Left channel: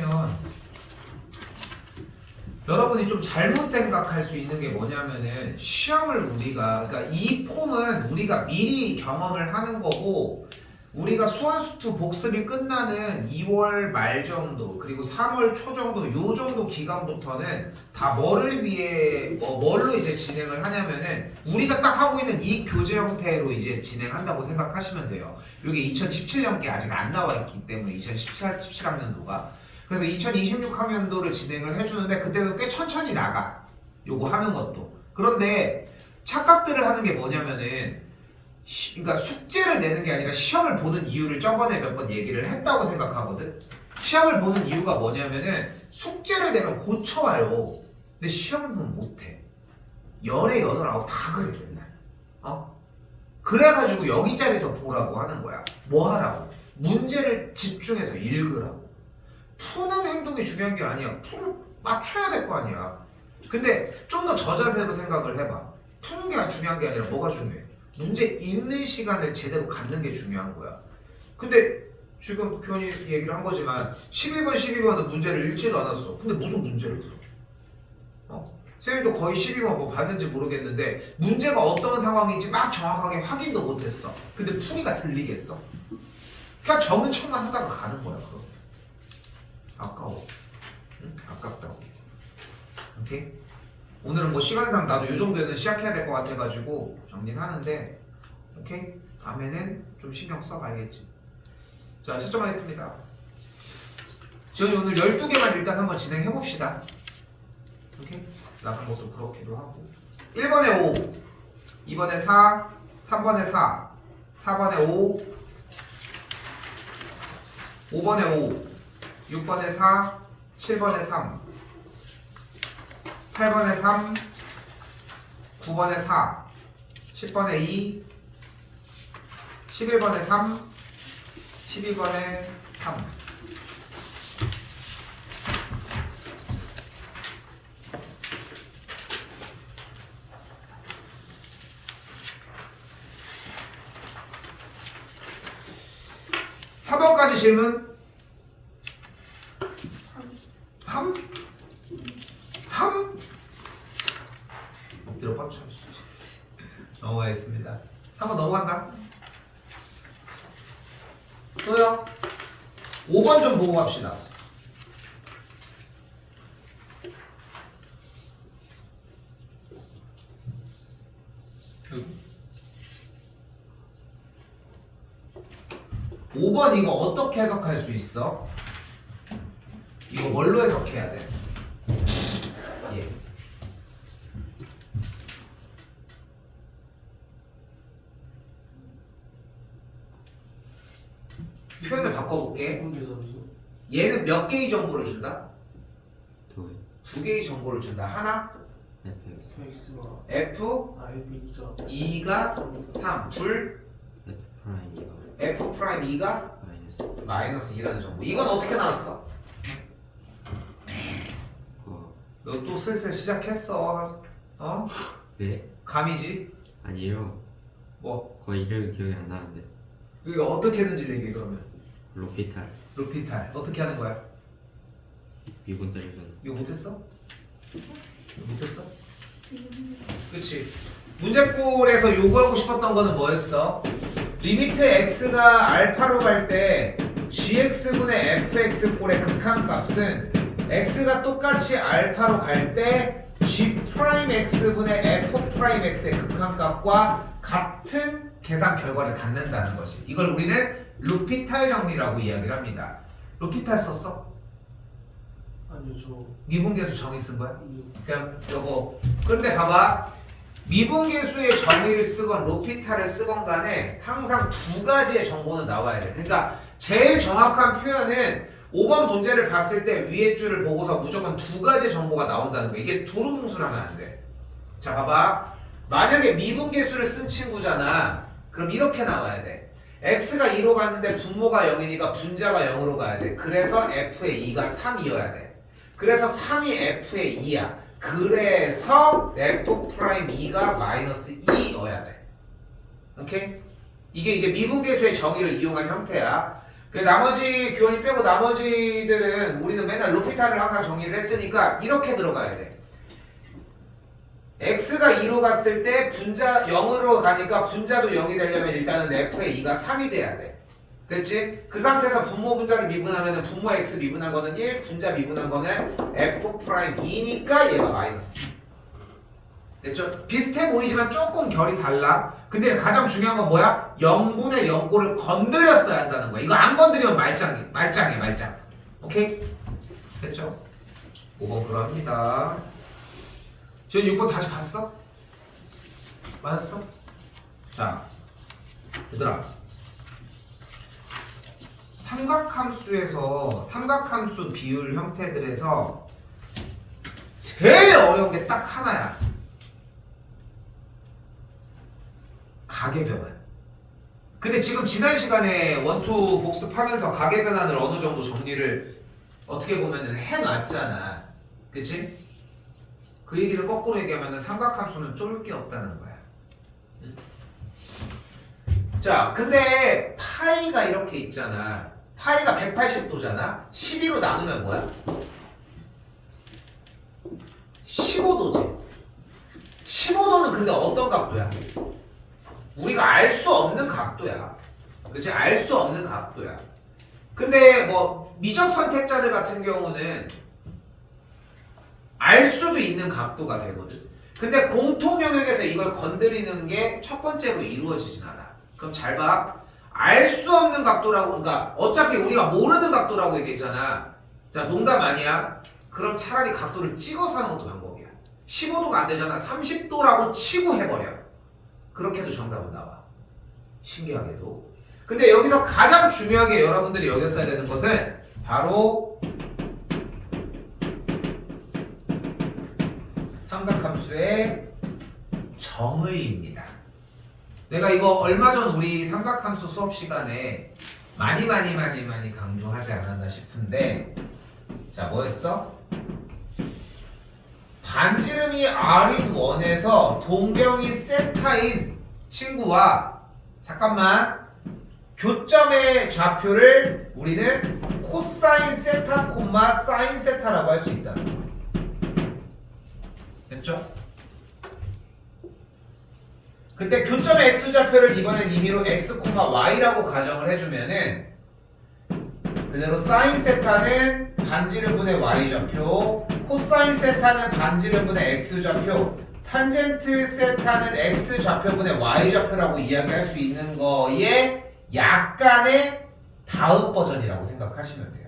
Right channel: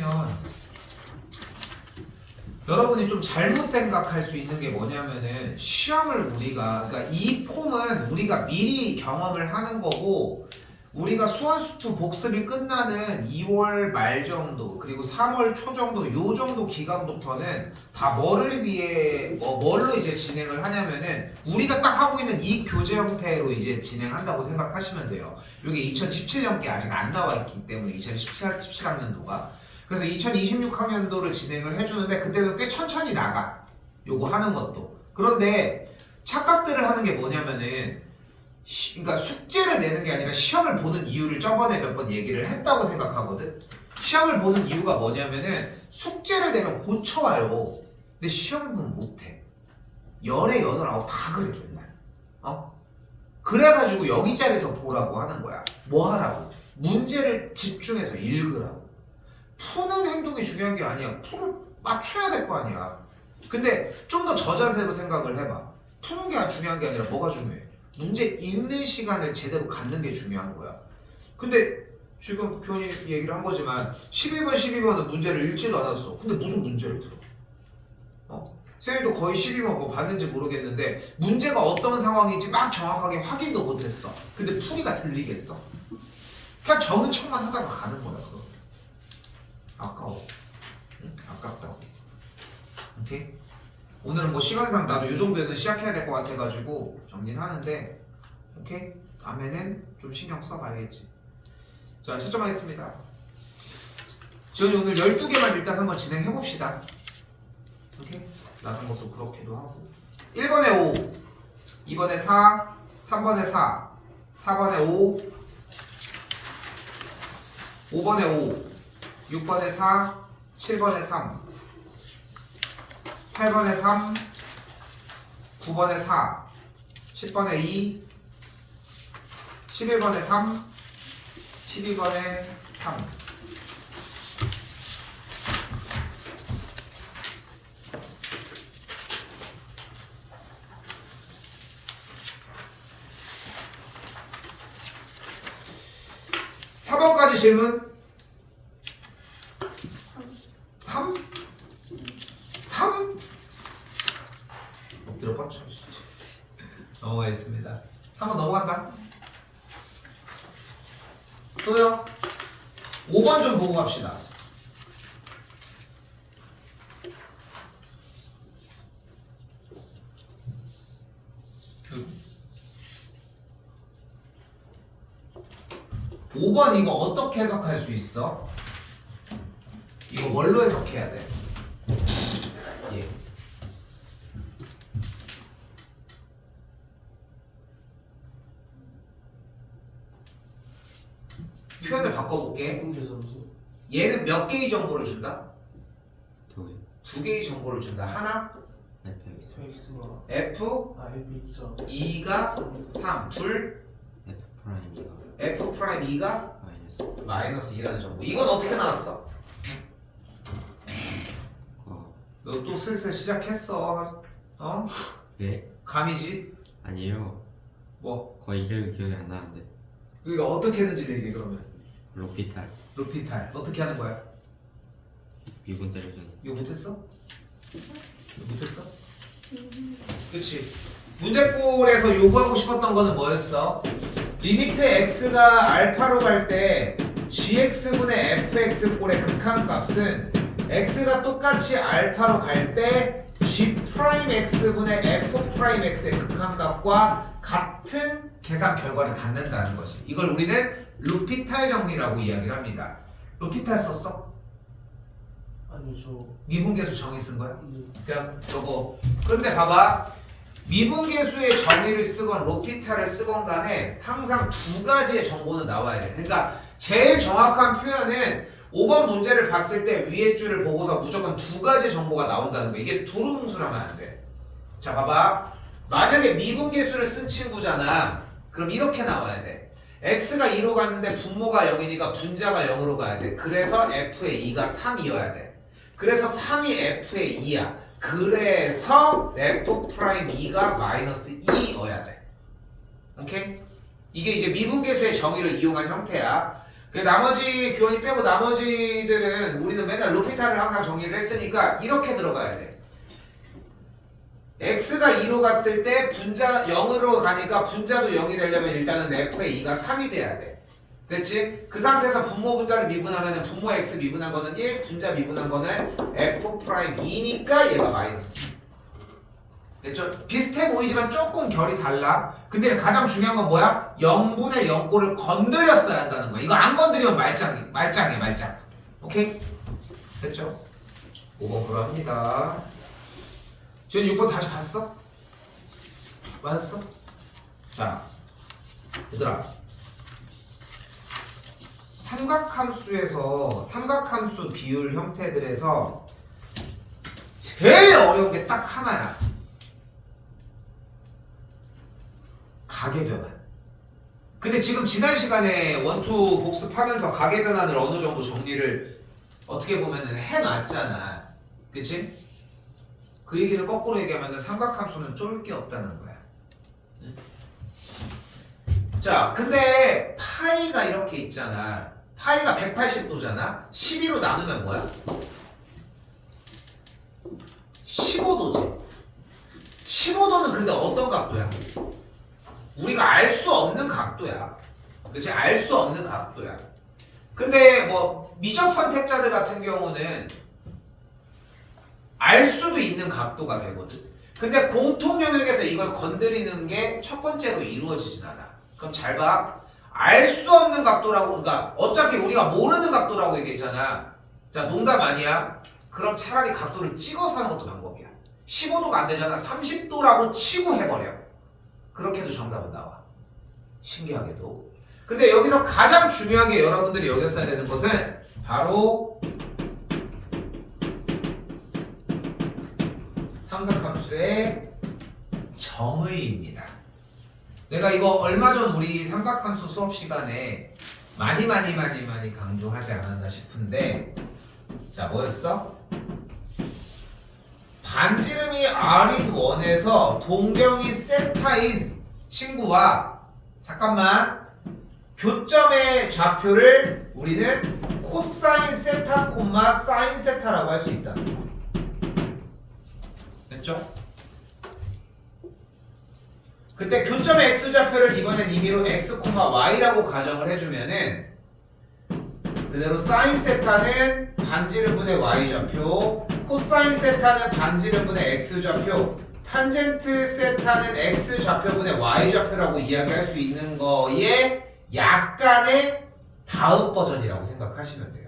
하면 여러분이 좀 잘못 생각할 수 있는 게 뭐냐면은 시험을 우리가 그러니까 이 폼은 우리가 미리 경험을 하는 거고 우리가 수원수투 복습이 끝나는 2월 말 정도 그리고 3월 초 정도 요 정도 기간부터는 다 뭐를 위해 뭘로 이제 진행을 하냐면은 우리가 딱 하고 있는 이 교재 형태로 이제 진행한다고 생각하시면 돼요. 이게 2017년께 아직 안 나와 있기 때문에 2017학년도가 그래서 2026학년도를 진행을 해주는데 그때는 꽤 천천히 나가 요거 하는 것도. 그런데 착각들을 하는 게 뭐냐면은 그러니까 숙제를 내는 게 아니라 시험을 보는 이유를 저번에 몇 번 얘기를 했다고 생각하거든. 시험을 보는 이유가 뭐냐면은 숙제를 내면 고쳐와요. 근데 시험을 보면 못해. 열에 여덟 아홉 다 그래 맨날. 그래가지고 여기 자리에서 보라고 하는 거야. 뭐 하라고? 문제를 집중해서 읽으라고. 푸는 행동이 중요한 게 아니야. 풀을 맞춰야 될 거 아니야. 근데 좀 더 저자세로 생각을 해봐. 푸는 게 중요한 게 아니라 뭐가 중요해? 문제 읽는 시간을 제대로 갖는 게 중요한 거야. 근데 지금 교원이 얘기를 한 거지만 11번, 12번은 문제를 읽지도 않았어. 근데 무슨 문제를 들어? 세윤이도 거의 12번 뭐 봤는지 모르겠는데 문제가 어떤 상황인지 막 정확하게 확인도 못했어. 근데 풀이가 들리겠어? 그냥 적는 척만 하다가 가는 거야. 그거. 아까워. 응? 아깝다고. 오케이? 오늘은 뭐 시간상 나도 이 정도에는 시작해야 될 것 같아가지고 정리는 하는데 오케이? 다음에는 좀 신경 써 알겠지? 자 채점하겠습니다. 지원이 오늘 12개만 일단 한번 진행해봅시다. 오케이? 나간 것도 그렇기도 하고 1번에 5 2번에 4 3번에 4 4번에 5 5번에 5 6번에 4 7번에 3 8번에 3 9번에 4 10번에 2 11번에 3 12번에 3 4번까지 질문 3? 3? 엎드려 뻗쳐 넘어가겠습니다. 3번 넘어간다. 또요 5번 좀 보고 갑시다. 오 5번 이거 어떻게 해석할 수 있어? 이거 뭘로 해석해야 돼? 예. 표현을 바꿔볼게. 얘는 몇 개의 정보를 준다? 두 개. 두 개의 정보를 준다. 하나, fx가 F, 2가 3, 둘, f 프라임 2가 F 프라임 2가 마이너스 마이너스 2라는 정보. 이건 어떻게 나왔어? 그거. 너 또 슬슬 시작했어. 네? 감이지? 아니에요. 뭐? 거의 이름이 기억이 안 나는데. 이거 어떻게 했는지 얘기해 그러면. 로피탈 루피탈 어떻게 하는 거야? 미분 때려주는. 이거 못했어? 이거 못했어? 그치. 문제꼴에서 요구하고 싶었던 거는 뭐였어? 리미트 x가 알파로 갈 때 gx분의 fx 꼴의 극한값은 x가 똑같이 알파로 갈 때 g 프라임 x분의 f 프라임 x의 극한값과 같은 계산 결과를 갖는다는 거지. 이걸 우리는 루피탈 정리라고 이야기를 합니다. 루피탈 썼어? 아니요 저 미분계수 정의 쓴 거야? 그냥 요거. 그런데 봐봐. 미분계수의 정의를 쓰건 로피탈을 쓰건 간에 항상 두 가지의 정보는 나와야 돼. 그러니까 제일 정확한 표현은 5번 문제를 봤을 때 위에 줄을 보고서 무조건 두 가지 정보가 나온다는 거. 이게 두루뭉술하면 안 돼. 자 봐봐. 만약에 미분계수를 쓴 친구잖아. 그럼 이렇게 나와야 돼. x가 2로 갔는데 분모가 0이니까 분자가 0으로 가야 돼. 그래서 f의 2가 3이어야 돼. 그래서 3이 f의 2야. 그래서 f 프라임 2가 마이너스 2여야 돼. 오케이? 이게 이제 미분계수의 정의를 이용한 형태야. 그 나머지 교원이 빼고 나머지들은 우리는 맨날 로피탈을 항상 정리를 했으니까 이렇게 들어가야 돼. x가 2로 갔을 때 분자 0으로 가니까 분자도 0이 되려면 일단은 f의 2가 3이 돼야 돼. 됐지? 그 상태에서 분모 분자를 미분하면 분모 x 미분한 거는 1, 분자 미분한 거는 f 프라임 2니까 얘가 마이너스 2. 됐죠? 비슷해 보이지만 조금 결이 달라. 근데 가장 중요한 건 뭐야? 0분의 0꼴을 건드렸어야 한다는 거야. 이거 안 건드리면 말짱이야 말짱. 오케이? 됐죠? 5번 그럽니다. 지금 6번 다시 봤어? 맞았어? 자, 얘들아, 삼각함수에서 삼각함수 비율 형태들에서 제일 어려운 게 딱 하나야. 가계변환. 근데 지금 지난 시간에 원투 복습하면서 가계변환을 어느 정도 정리를 어떻게 보면은 해놨잖아. 그치? 그 얘기를 거꾸로 얘기하면 삼각함수는 쫄 게 없다는 거야. 자, 근데 파이가 이렇게 있잖아. 파이가 180도잖아. 12로 나누면 뭐야? 15도지. 15도는 근데 어떤 각도야? 우리가 알 수 없는 각도야. 그치? 알 수 없는 각도야. 근데 뭐 미적 선택자들 같은 경우는 알 수도 있는 각도가 되거든. 근데 공통 영역에서 이걸 건드리는 게 첫 번째로 이루어지진 않아. 그럼 잘 봐. 알 수 없는 각도라고, 그러니까 어차피 우리가 모르는 각도라고 얘기했잖아. 자, 농담 아니야. 그럼 차라리 각도를 찍어서 하는 것도 방법이야. 15도가 안 되잖아. 30도라고 치고 해버려. 그렇게 해도 정답은 나와. 신기하게도. 근데 여기서 가장 중요하게 여러분들이 여겼어야 되는 것은 바로 삼각함수의 정의입니다. 내가 이거 얼마 전 우리 삼각함수 수업 시간에 많이 강조하지 않았나 싶은데, 자, 뭐였어? 반지름이 r인 원에서 동경이 세타인 친구와 잠깐만 교점의 좌표를 우리는 코사인 세타 콤마 사인 세타라고 할 수 있다. 됐죠? 그때 교점의 x좌표를 이번엔 임의로 x, y라고 가정을 해주면은 그대로 사인 세타는 반지름분의 y좌표, 코사인 세타는 반지름분의 x좌표, 탄젠트 세타는 x좌표분의 y좌표라고 이야기할 수 있는 거에 약간의 다음 버전이라고 생각하시면 돼요.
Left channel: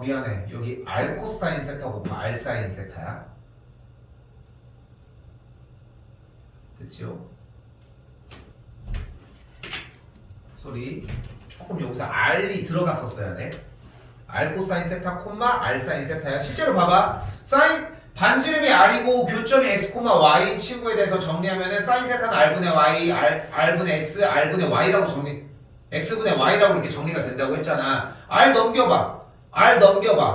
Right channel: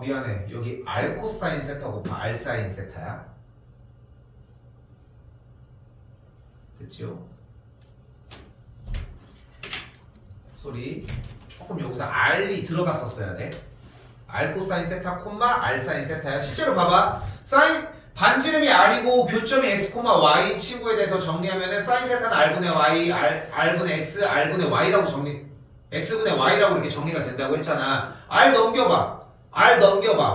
미안해. 여기 r 코사인 세타고 r 사인 세타야. 됐죠? 소리. 조금 여기서 r이 들어갔었어야 돼. r 코사인 세타 콤마 r 사인 세타야. 실제로 봐봐. 사인 반지름이 r이고 교점이 x, y인 친구에 대해서 정리하면은 사인 세타는 r분의 y, r분의 x, r분의 y라고 x분의 y라고 이렇게 정리가 된다고 했잖아. r 넘겨봐.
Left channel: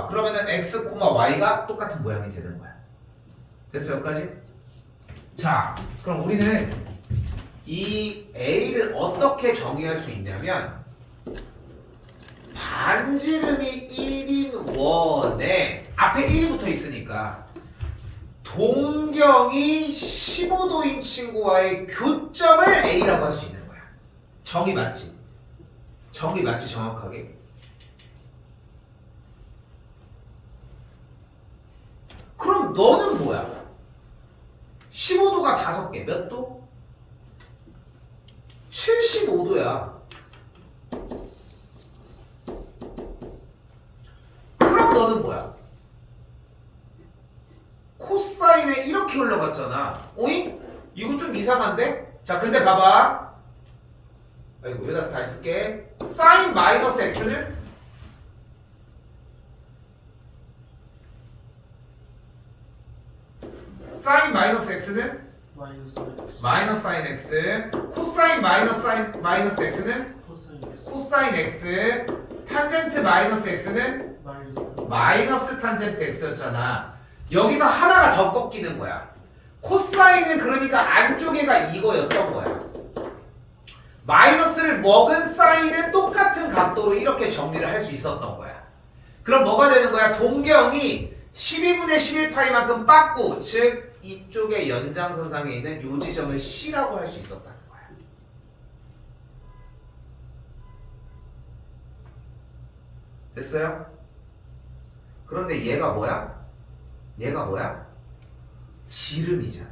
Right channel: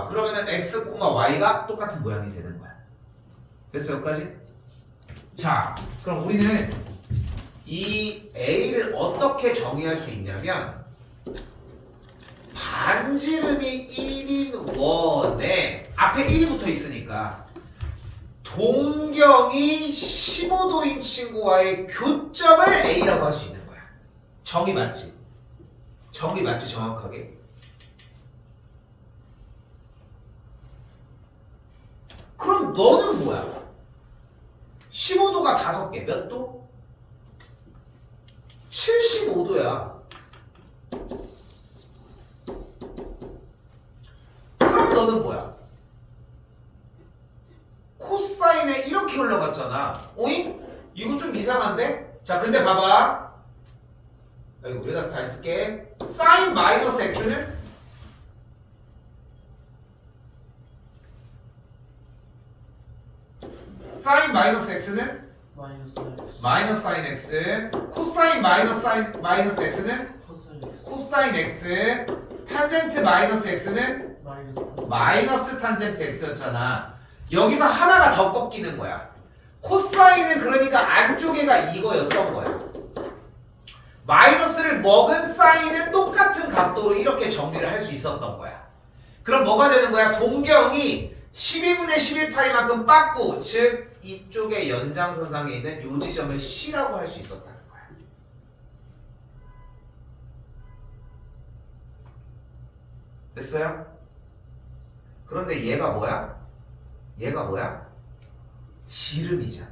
그러면은 x, y가 똑같은 모양이 되는 거야. 됐어, 여기까지? 자, 그럼 우리는 이 a를 어떻게 정의할 수 있냐면, 반지름이 1인 원에 앞에 1이 붙어 있으니까 동경이 15도인 친구와의 교점을 a라고 할 수 있는 거야. 정의 맞지? 정확하게? 그럼 너는 뭐야? 15도가 5개 몇 도? 75도야. 그럼 너는 뭐야? 코사인에 이렇게 흘러갔잖아. 오잉? 이거 좀 이상한데? 자, 근데 봐봐. 이거 여기다 다시 쓸게. 사인 마이너스 x는 사인 마이너스 x는 마이너스 사인 x. 코사인 마이너스 x는 코사인 x. 탄젠트 마이너스 x는 마이너스 탄젠트 x였잖아. 여기서 하나가 더 꺾이는 거야. 코사인은 그러니까 안쪽에가 이거였던 거야. 마이너스를 먹은 사인은 똑같은 각도로 이렇게 정리를 할 수 있었던 거야. 그럼 뭐가 되는 거야? 동경이 12분의 11파이만큼 빠꾸, 즉 이쪽의 연장선상에 있는 요 지점을 C라고 할 수 있었다는 거야. 됐어요? 그런데 얘가 뭐야? 얘가 뭐야? 지름이잖아.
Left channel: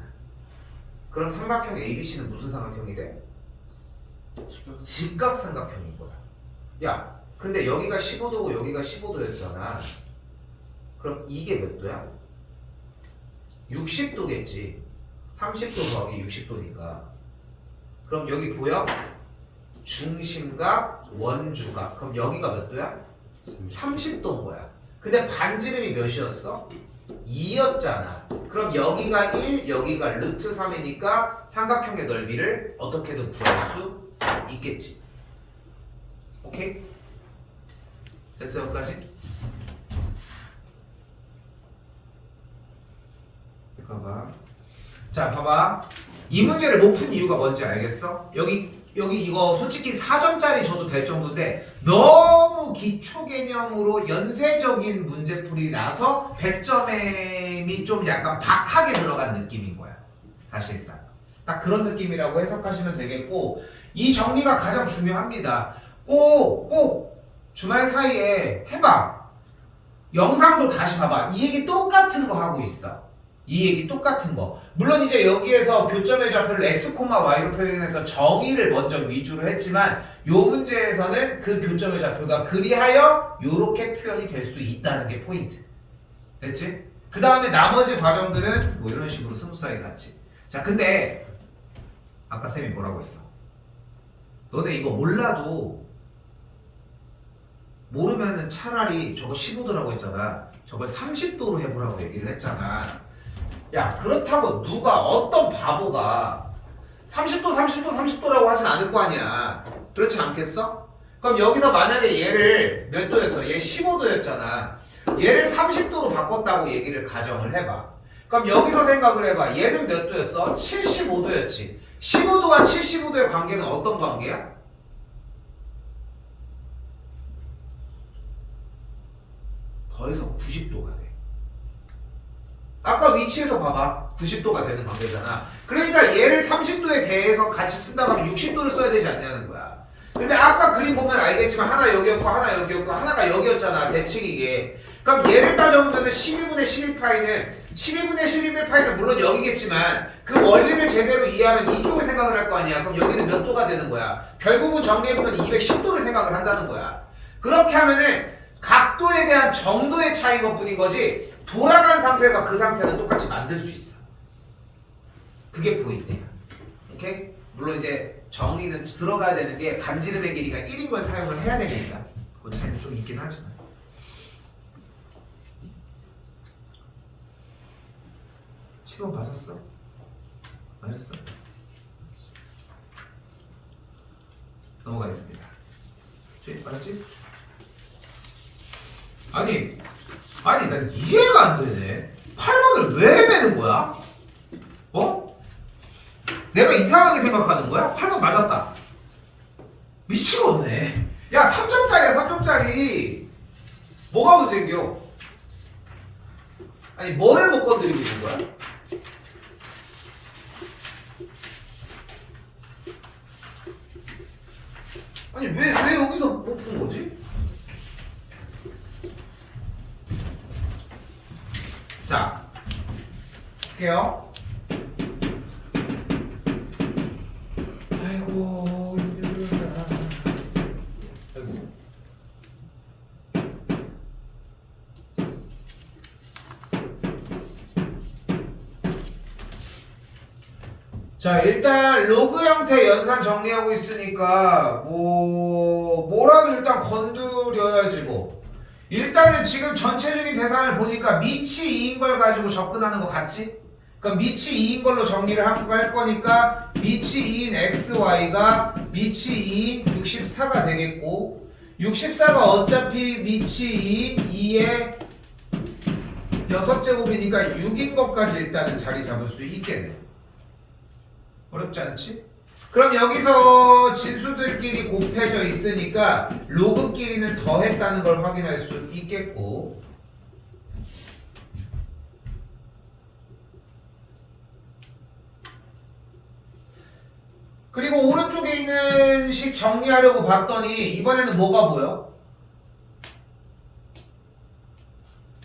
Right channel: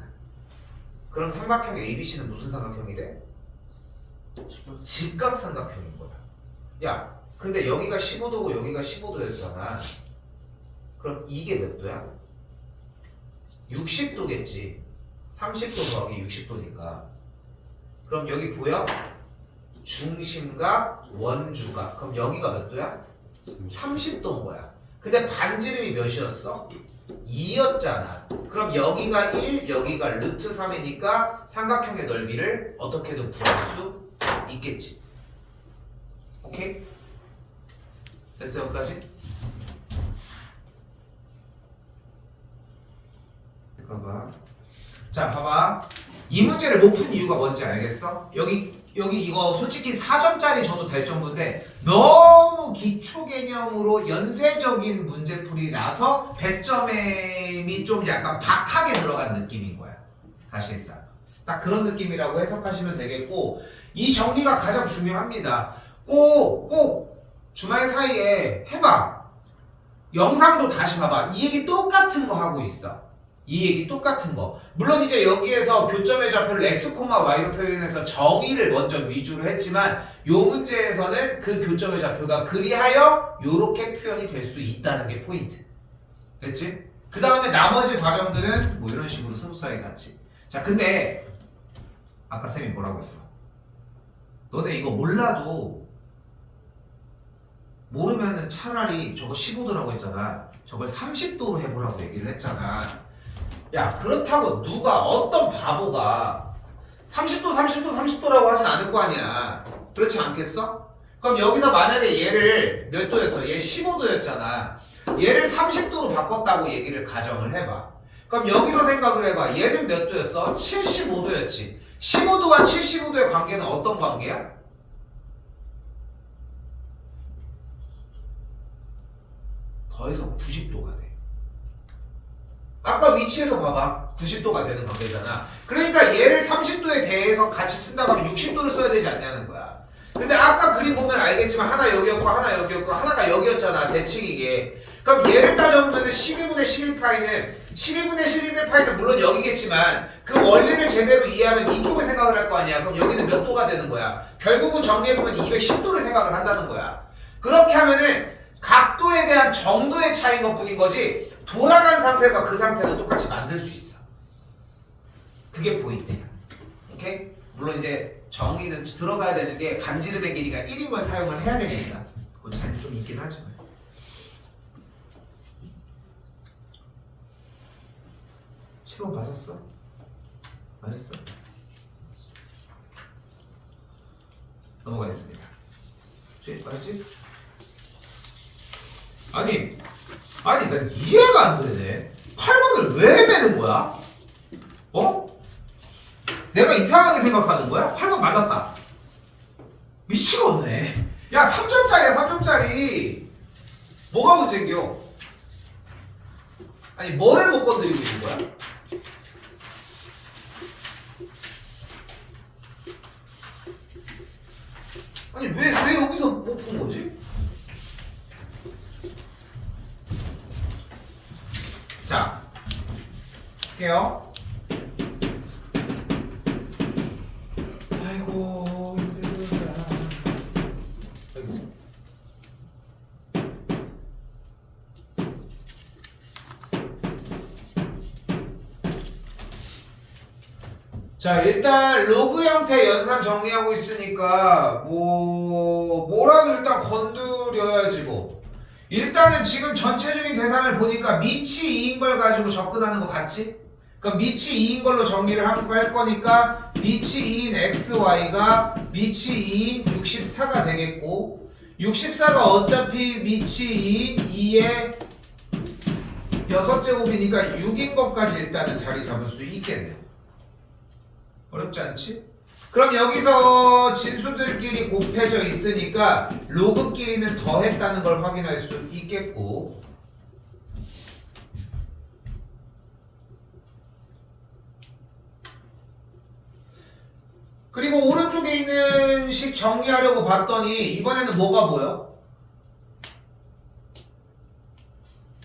그럼 삼각형 ABC는 무슨 삼각형이 돼? 직각삼각형인 거야. 야, 근데 여기가 15도고 여기가 15도였잖아. 그럼 이게 몇 도야? 60도겠지. 30도 더하기 60도니까. 그럼 여기 보여? 중심과 원주가. 그럼 여기가 몇 도야? 30도인 거야. 근데 반지름이 몇이었어? 2였잖아. 그럼 여기가 1, 여기가 루트 3이니까 삼각형의 넓이를 어떻게든 구할 수 있겠지. 오케이? 됐어요, 여기까지? 잠깐만. 자, 봐봐. 이 문제를 못 푼 이유가 뭔지 알겠어? 여기 이거 솔직히 4점짜리 줘도 될 정도인데 너무 기초 개념으로 연쇄적인 문제풀이라서 100점이 좀 약간 박하게 들어간 느낌인 거야. 사실상. 딱 그런 느낌이라고 해석하시면 되겠고, 이 정리가 가장 중요합니다. 꼭 주말 사이에 해봐. 영상도 다시 봐봐. 이 얘기 똑같은 거 하고 있어. 이 얘기 똑같은 거. 물론 이제 여기에서 교점의 좌표를 x, y로 표현해서 정의를 먼저 위주로 했지만 요 문제에서는 그 교점의 좌표가 그리하여 요렇게 표현이 될 수 있다는 게 포인트. 됐지? 그 다음에 나머지 과정들은 뭐 이런 식으로 스무스하게 갔지. 자, 근데 아까 쌤이 뭐라고 했어? 너네 이거 몰라도 모르면은 차라리 저거 15도라고 했잖아. 저걸 30도로 해보라고 얘기를 했잖아. 야, 그렇다고 누가 어떤 바보가 30도라고 하진 않을 거 아니야. 그렇지 않겠어? 그럼 여기서 만약에 얘를 몇 도였어? 얘 15도였잖아. 얘를 30도로 바꿨다고 얘기를 가정을 해봐. 그럼 여기서 생각을 해봐. 얘는 몇 도였어? 75도였지. 15도와 75도의 관계는 어떤 관계야? 더해서 90도가 돼. 아까 위치에서 봐봐. 90도가 되는 관계잖아. 그러니까 얘를 30도에 대해서 같이 쓴다고 하면 60도를 써야 되지 않냐는 거야. 근데 아까 그림 보면 알겠지만 하나 여기였고 하나 여기였고 하나가 여기였잖아. 대칭이게. 그럼 얘를 따져보면 12분의 11파이는 물론 여기겠지만 그 원리를 제대로 이해하면 이쪽을 생각을 할 거 아니야. 그럼 여기는 몇 도가 되는 거야? 결국은 정리해보면 210도를 생각을 한다는 거야. 그렇게 하면은 각도에 대한 정도의 차이인 것 뿐인 거지 돌아간 상태에서 그 상태는 똑같이 만들 수 있어. 그게 포인트야. 오케이? 물론 이제 정의는 들어가야 되는 게 반지름의 길이가 1인 걸 사용을 해야 되니까 그 차이는 좀 있긴 하지만. 시험 받았어? 맞았어? 넘어가겠습니다. 맞지? 아니 난 이해가 안 되네. 8번을 왜 빼는 거야? 어? 내가 이상하게 생각하는 거야? 8번 맞았다. 미치겠네. 야, 3점짜리야 3점짜리. 뭐가 문제인겨? 아니 뭐를 못 건드리고 있는 거야? 아니 왜 여기서 못 푼 거지? 자, 할게요. 아이고 힘들어. 아이고. 자, 일단 로그 형태 연산 정리하고 있으니까 뭐라도 일단 건드려야지 뭐. 일단은 지금 전체적인 대상을 보니까 밑이 2인 걸 가지고 접근하는 거 같지? 그럼 밑이 2인 걸로 정리를 할 거니까 밑이 2인 xy가 밑이 2인 64가 되겠고 64가 어차피 밑이 2인 2의 6제곱이니까 6인 것까지 일단은 자리 잡을 수 있겠네. 어렵지 않지? 그럼 여기서 진수들끼리 곱해져 있으니까 로그끼리는 더했다는 걸 확인할 수 있겠고, 그리고 오른쪽에 있는 식 정리하려고 봤더니 이번에는 뭐가 보여?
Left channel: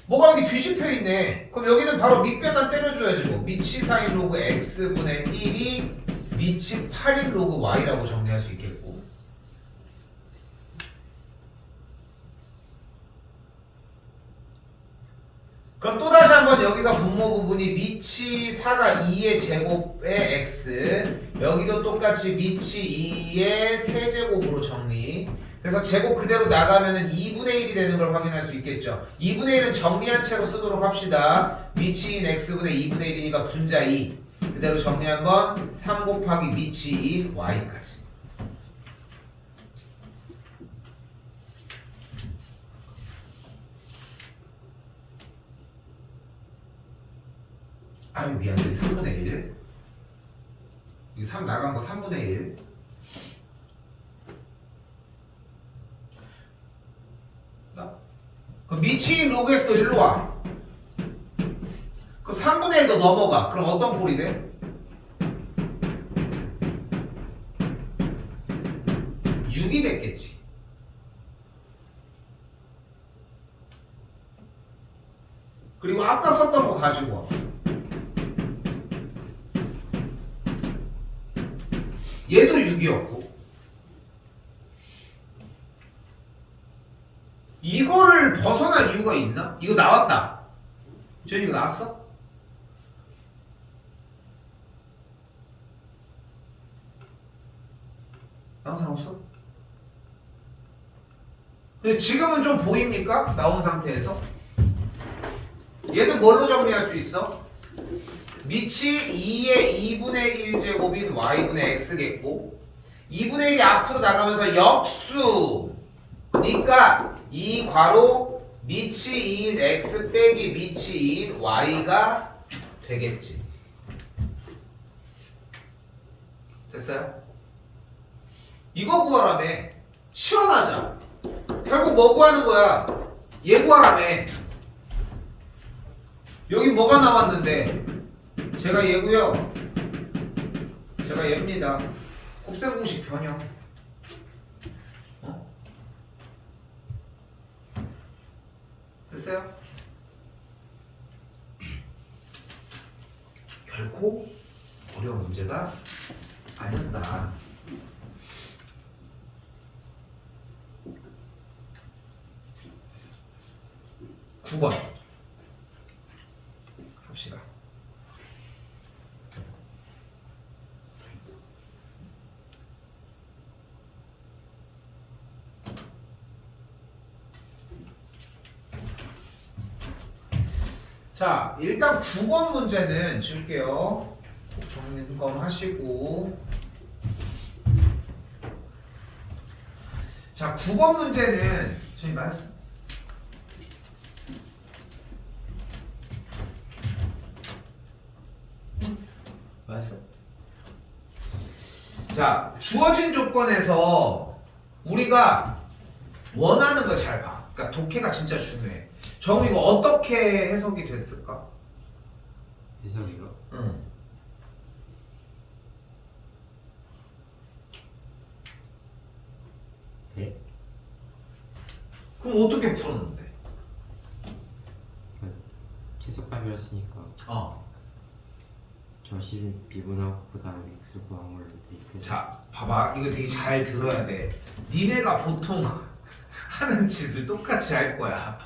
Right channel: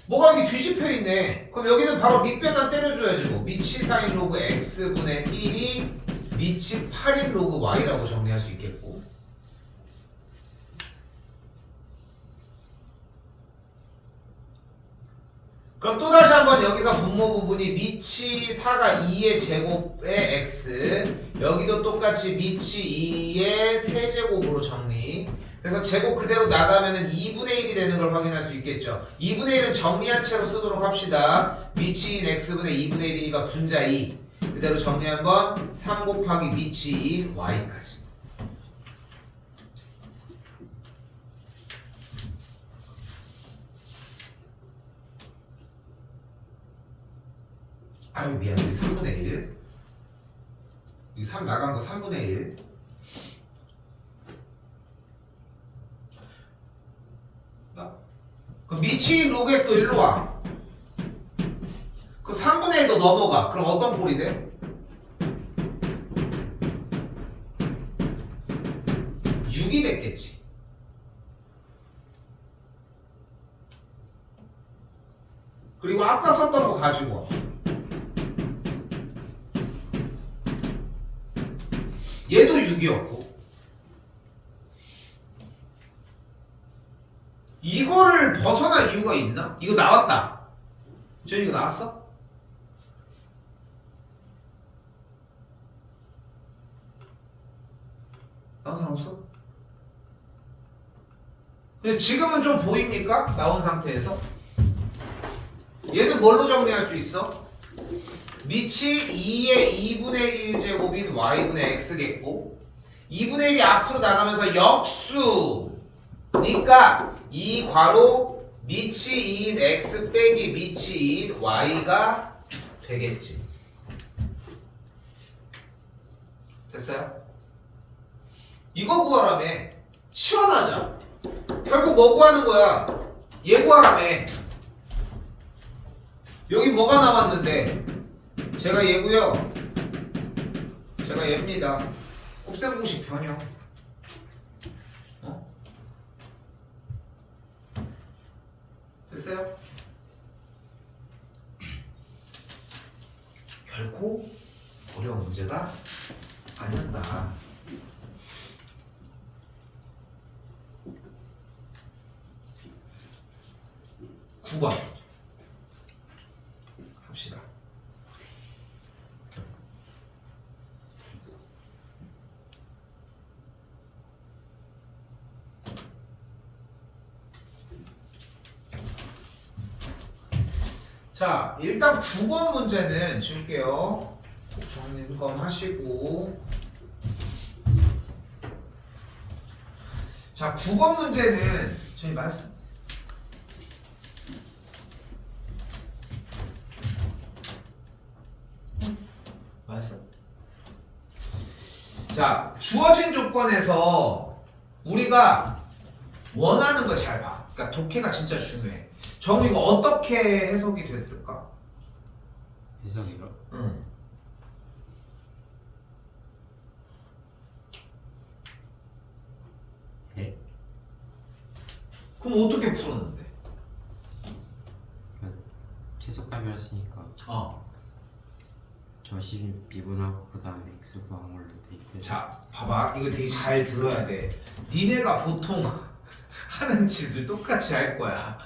뭐가 여기 뒤집혀 있네. 그럼 여기는 바로 밑변환 때려줘야지 뭐. 미치 사인 로그 x분의 1이 미치 8인 로그 y라고 정리할 수 있겠고, 그럼 또다시 한번 여기서 분모 부분이 미치 4가 2의 제곱의 x, 여기도 똑같이 미치 2의 세제곱으로 정리. 그래서 제곱 그대로 나가면은 2분의 1이 되는 걸 확인할 수 있겠죠. 2분의 1은 정리한 채로 쓰도록 합시다. 미치인 x분의 2분의 1이니까 분자 2. 그대로 정리한 건 3 곱하기 미치인 y까지. 아유 미안해. 여기 3분의 1. 여기 3 나간 거 3분의 1. 그럼 미치인 로그에서도 일로 와. 그 3분의 1도 넘어가. 그럼 어떤 꼴이 돼? 6이 됐겠지. 그리고 아까 썼던 거 가지고 와. 얘도 6이었고, 이거를 벗어날 이유가 있나? 이거 나왔다. 저 이거 나왔어? 나온 사람 없어? 근데 지금은 좀 보입니까? 나온 상태에서 얘는 뭘로 정리할 수 있어? 미치 2의 2분의 1제곱인 y분의 x겠고, 2분의 1이 앞으로 나가면서 역수니까 이 괄호 미치 2인 x 빼기 미치 2인 y가 되겠지. 됐어요? 이거 구하라며. 실현하자. 결국 뭐 구하는 거야? 얘 구하라며. 여기 뭐가 나왔는데? 제가 얘고요. 제가 얘입니다. 곱셈 공식 변형. 어? 됐어요? 결코 어려운 문제가 아니었다. (9번) 합시다. 자, 일단 9번 문제는 줄게요. 정리금 하시고. 자, 9번 문제는 저희 말씀. 말씀. 자, 주어진 조건에서 우리가 원하는 걸 잘 봐. 그러니까 독해가 진짜 중요해. 정우 이거 어떻게 해석이 됐을까? 해석이요? 응. 예? 그럼 어떻게 풀었는데? 최소값이라 했으니까 저심 미분하고 그 다음에 x 구한 걸로 대입해서. 자, 봐봐. 이거 되게 잘 들어야 돼. 니네가 보통 하는 짓을 똑같이 할 거야.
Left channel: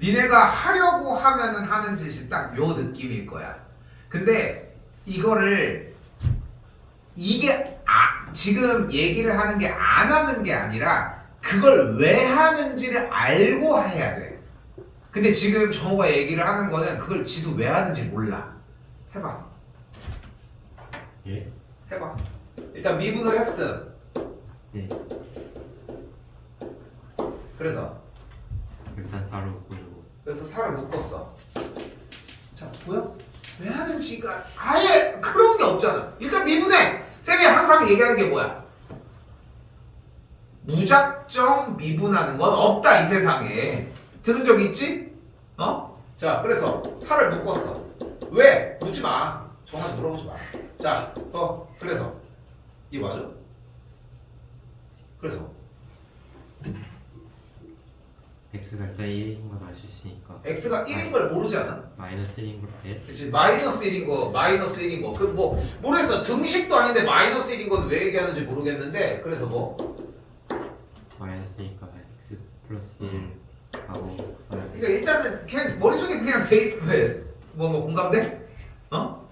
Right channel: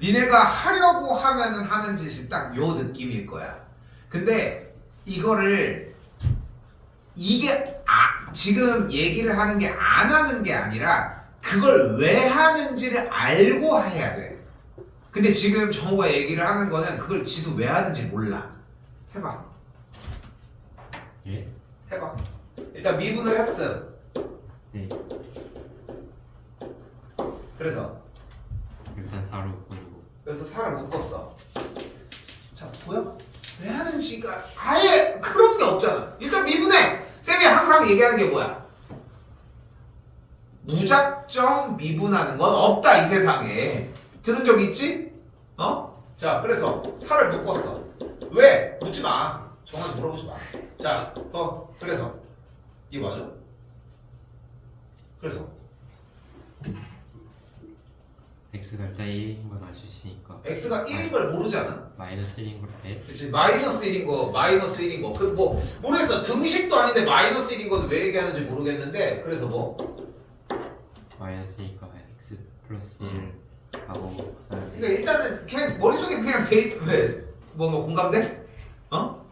니네가 하려고 하면은 하는 짓이 딱 요 느낌일 거야. 근데 이거를 이게 지금 얘기를 하는 게 안 하는 게 아니라 그걸 왜 하는지를 알고 해야 돼. 근데 지금 정우가 얘기를 하는 거는 그걸 지도 왜 하는지 몰라. 해봐. 예? 해봐. 일단 미분을 했어. 네. 그래서 일단 4로 묶어주고. 그래서 4를 묶었어. 자 보여? 왜 하는지가 아예 그런 게 없잖아. 일단 미분해. 쌤이 항상 얘기하는 게 뭐야? 무작정 미분하는 건 없다 이 세상에. 들은 적 있지? 어? 자 그래서 4를 묶었어. 왜? 묻지 마. 전화 물어보지 마. 자, 그래서 이거 맞아? 그래서 x가 일단 1인 건 알 수 있으니까 x가 1인 걸 모르지 않아? 마이너스 1인 걸 때 그치 마이너스 1인 거 마이너스 1인 거 그 뭐 모르겠어. 등식도 아닌데 마이너스 1인 거는 왜 얘기하는지 모르겠는데 그래서 뭐 마이너스니까 x 플러스 1 하고 그러니까 일단은 그냥 머릿속에 그냥 뭐 공감돼? 어?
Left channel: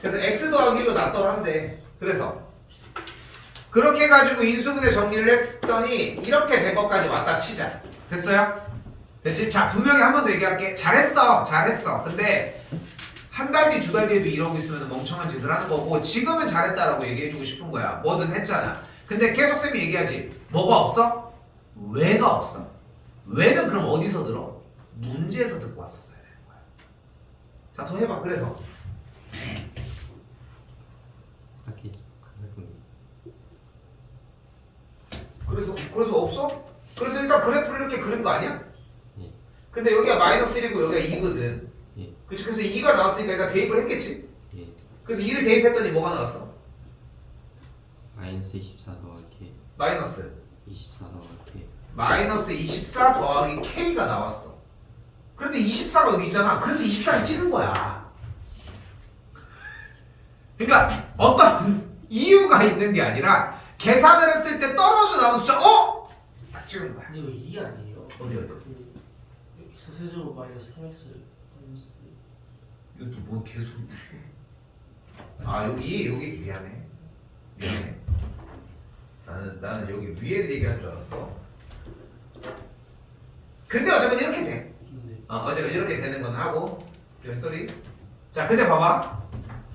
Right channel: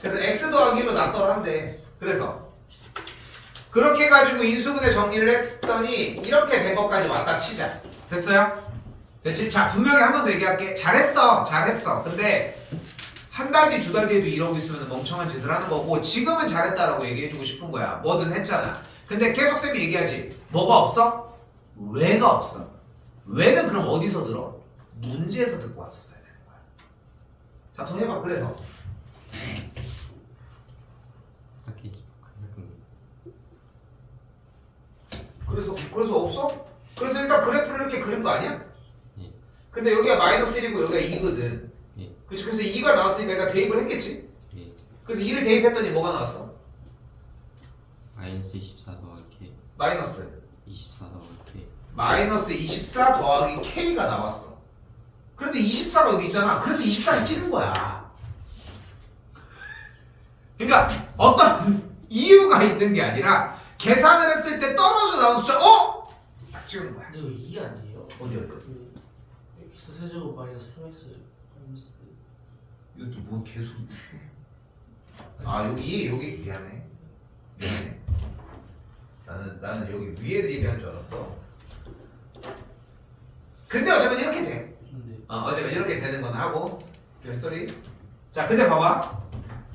그래서 x 더하기 1로 낫더라 하면 돼. 그래서 그렇게 해가지고 인수분해 정리를 했더니 이렇게 된 것까지 왔다 치자. 됐어요? 됐지? 자 분명히 한 번 더 얘기할게. 잘했어 근데 한 달 뒤 두 달 뒤에도 이러고 있으면 멍청한 짓을 하는 거고 지금은 잘했다라고 얘기해주고 싶은 거야. 뭐든 했잖아. 근데 계속 쌤이 얘기하지. 뭐가 없어? 왜가 없어. 왜는 그럼 어디서 들어? 문제에서 듣고 왔었어야 되는 거야. 자 더 해봐. 딱히 그래서 없어? 그래서 일단 그래프를 이렇게 그린 거 아니야? 예. 근데 여기가 마이너스 1이고 여기가 2거든. 예. 그치? 그래서 2가 나왔으니까 일단 대입을 했겠지? 예. 그래서 2를 대입했더니 뭐가 나왔어? 마이너스 24 더하기 마이너스 24 더하기 마이너스 24 더하기 K가 나왔어. 그런데 24가 여기 있잖아. 그래서 24를 찍은 거야. 그러니까 어떤 이유가 있는 게 아니라 계산을 했을 때 떨어져 나온 숫자 딱 찍은 거야. 근데 이거 2 아니에요? 어디? 그 x 세제곱 마이너스 3x 마이너스 이것도 뭔 개소리. 여기 미안해. 나는 여기 위에를 얘기한 줄 알았어. 근데 어쨌건 이렇게 돼. 네. 어쨌건 이렇게 되는 건 하고. 쏘리. 자, 근데 봐봐.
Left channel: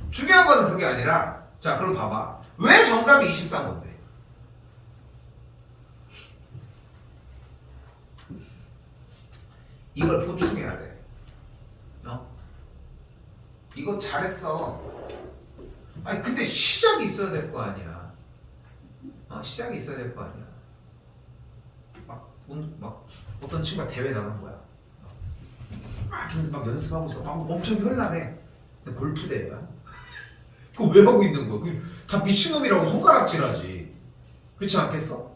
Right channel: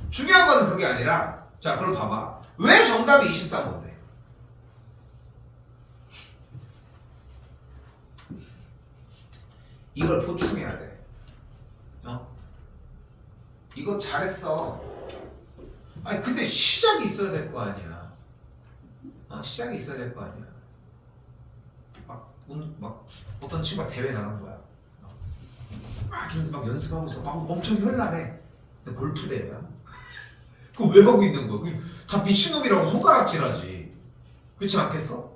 중요한 거는 그게 아니라, 자, 그럼 봐봐. 왜 정답이 24인 건데? 이걸 보충해야 돼. 이거 잘했어. 아니 근데 시작이 있어야 될 거 아니야. 시작이 있어야 될 거 아니야. 막 어떤 친구가 대회 나간 거야. 이러면서 막 연습하고 있어. 막 엄청 현란해. 근데 골프 대회야. 그거 왜 하고 있는 거야? 다 미친놈이라고 손가락질하지. 그렇지 않겠어?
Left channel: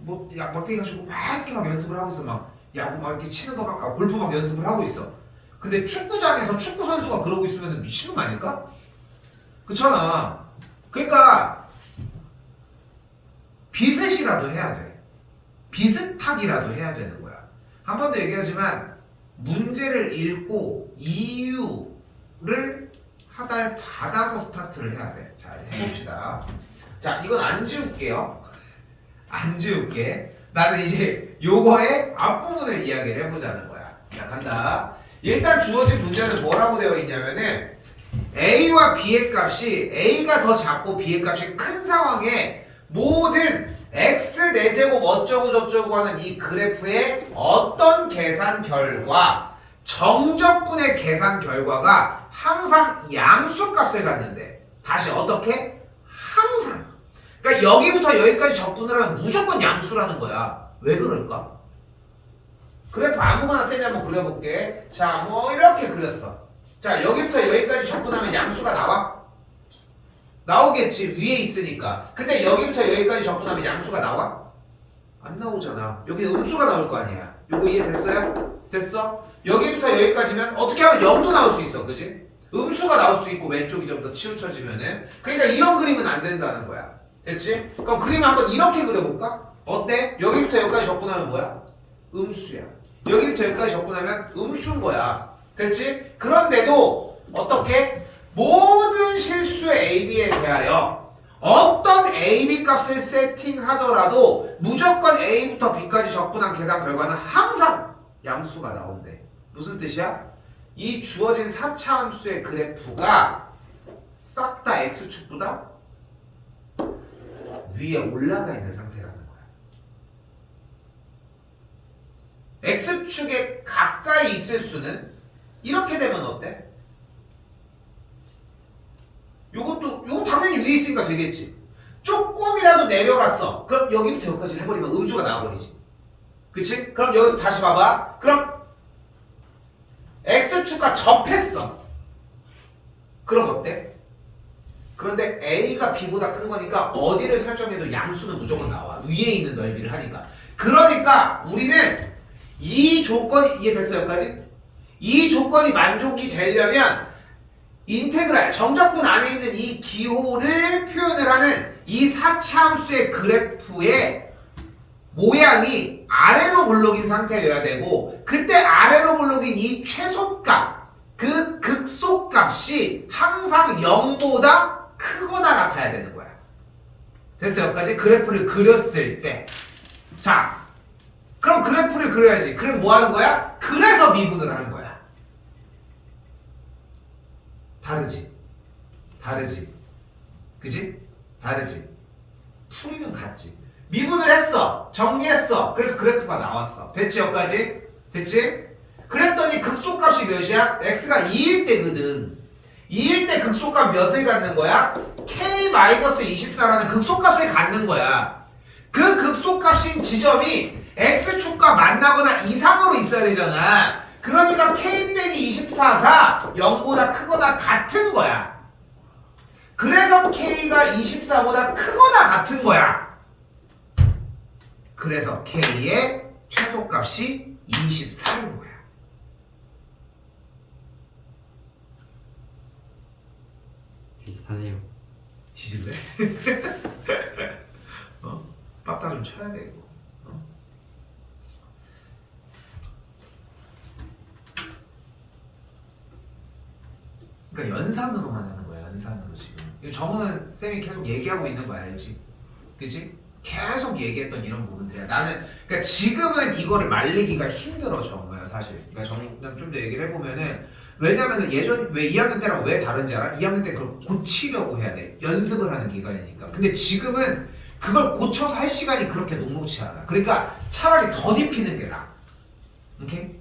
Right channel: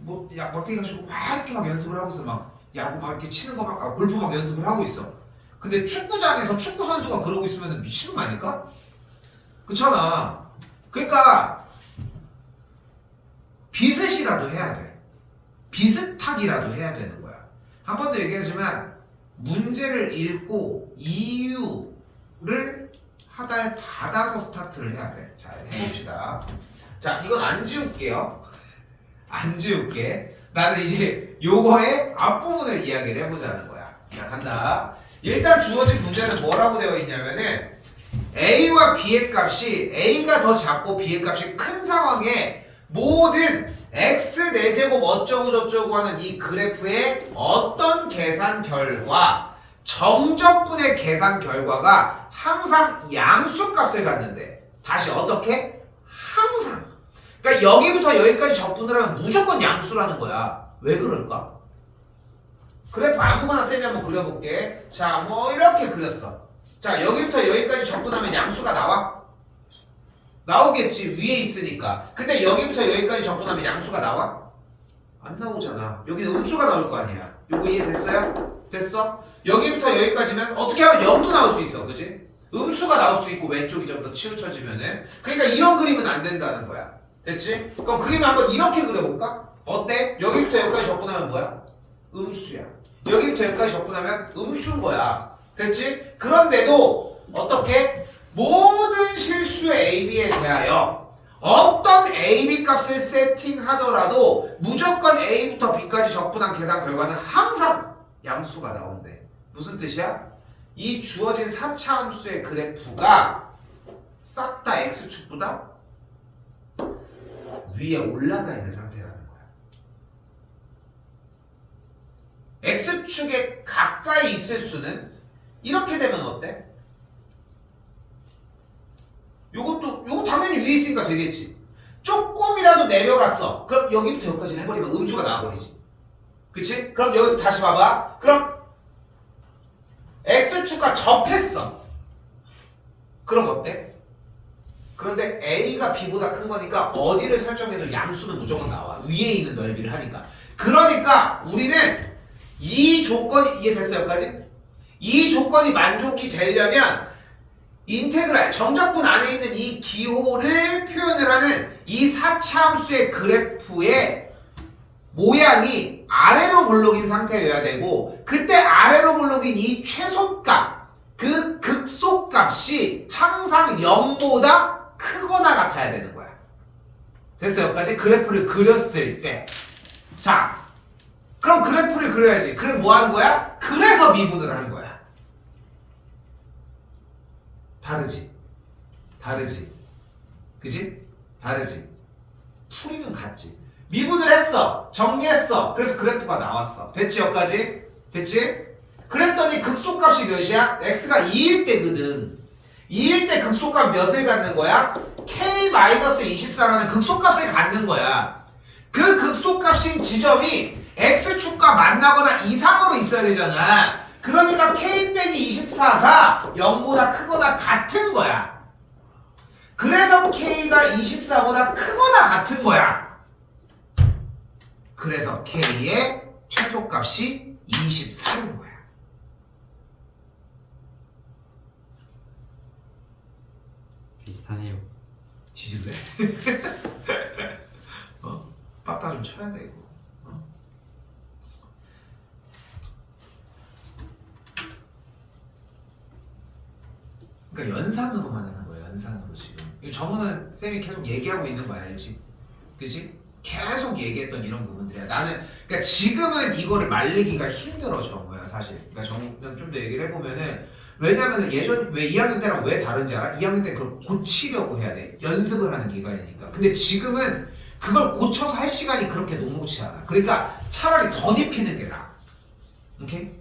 막뛰기 가지고 막 이렇게 막 연습을 하고 있어. 막 야구 막 이렇게 치는 거 막 골프 막 연습을 하고 있어. 근데 축구장에서 축구 선수가 그러고 있으면 미친놈 아닐까? 그렇잖아. 그러니까 비슷이라도 해야 돼. 비슷하기라도 해야 되는 거야. 한 번 더 얘기하지만 문제를 읽고 이유를 하달 받아서 스타트를 해야 돼. 자, 해봅시다. 자, 이건 안 지울게요. 안 지울게. 나는 이제 요거의 앞부분을 이야기를 해보자는 거야. 자, 간다. 일단 주어진 문제는 뭐라고 되어 있냐면은 A와 B의 값이 A가 더 작고 B의 값이 큰 상황에 모든 X 4제곱 어쩌고 저쩌고 하는 이 그래프의 어떤 계산 결과 정적분의 계산 결과가 항상 양수값을 갖는데 다시 어떻게? 항상. 그러니까 여기부터 여기까지 적분을 하면 무조건 양수라는 거야. 왜 그럴까? 그래프 아무거나 쌤이 한번 그려볼게. 자, 뭐 이렇게 그렸어. 자, 여기부터 여기까지 적분하면 양수가 나와? 나오겠지. 위에 있으니까. 근데 여기부터 여기까지 적분하면 양수가 나와? 안 나오잖아. 여기는 음수가 나올 거 아니야. 요거 이해됐어요? 됐어? 여기부터 여기까지면 어떻게 하면 0도 나올 수 있어. 그지? 음수가 나올 수도 있고 왼쪽이 좀 더 치우쳐지면은. 그러니까 이런 그림은 안 된다는 거야. 됐지? 그럼 그림을 한번 이렇게 그려볼까? 어때? 여기부터 여기까지 적분하면 뭐야? 음수야. 여기부터 여기까지 적분하면 음수인 거야. 됐지? 그런데도 어떻게? 모든 실수의 AB에 대하여 어떤 AB 값을 세팅하더라도 무조건 A부터 B까지 적분한 계산 결과는 항상 양수가 나온대. 무슨 뜻이야? 이 주어진 4차 함수의 그래프가 싹 다 X축보다 위에 올라가 있는 상태라는 거야. X축에 가까이 있을 수는 이렇게 되면 어때? 요거 당연히 위에 있으니까 되겠지. 조금이라도 내려갔어. 그럼 여기부터 여기까지 해버리면 음수가 나와버리지. 그치? 그럼 여기서 다시 봐봐. 그럼 x축과 접했어. 그럼 어때? 그런데 a가 b보다 큰 거니까 어디를 설정해도 양수는 무조건 나와. 위에 있는 넓이를 하니까. 그러니까 우리는 이 조건이 이해됐어요? 여기까지? 이 조건이 만족이 되려면 인테그랄 정적분 안에 있는 이 기호를 표현을 하는 이 사차함수의 그래프의 모양이 아래로 볼록인 상태여야 되고, 그때 아래로 볼록인 이 최소값, 그 극소값이 항상 0보다 크거나 같아야 되는 거야. 됐어요? 여기까지? 그래프를 그렸을 때. 자, 그럼 그래프를 그려야지. 그럼 뭐 하는 거야? 그래서 미분을 하는 거야. 다르지? 다르지? 그지? 다르지? 풀이는 같지? 미분을 했어. 정리했어. 그래서 그래프가 나왔어. 됐지? 여기까지? 됐지? 그랬더니 극소값이 몇이야? x가 2일 때거든. 2일 때 극소값 몇을 갖는 거야? k-24라는 극소값을 갖는 거야. 그 극소값인 지점이 x축과 만나거나 이상으로 있어야 되잖아. 그러니까 k-24가 0보다 크거나 같은 거야. 그래서 k가 24보다 크거나 같은 거야. 그래서 k의 최소값이 24인 거야. 비슷하네요. 뒤질래? 빠따 좀 쳐야 돼 이거. 그러니까 연산으로만 하는 거야. 연산으로 지금. 이거 정우는 쌤이 계속 얘기하고 있는 거 알지? 그치? 계속 얘기했던 이런 부분들이야. 나는 그러니까 지금은 이거를 말리기가 힘들어 정우야 사실. 그러니까 정우는 좀 더 얘기를 해보면은, 왜냐면은 예전 왜 2학년 때랑 왜 다른지 알아? 2학년 때 그걸 고치려고 해야 돼. 연습을 하는 기간이니까. 근데 지금은 그걸 고쳐서 할 시간이 그렇게 녹록치 않아. 그러니까 차라리 더 입히는 게 나아. 오케이?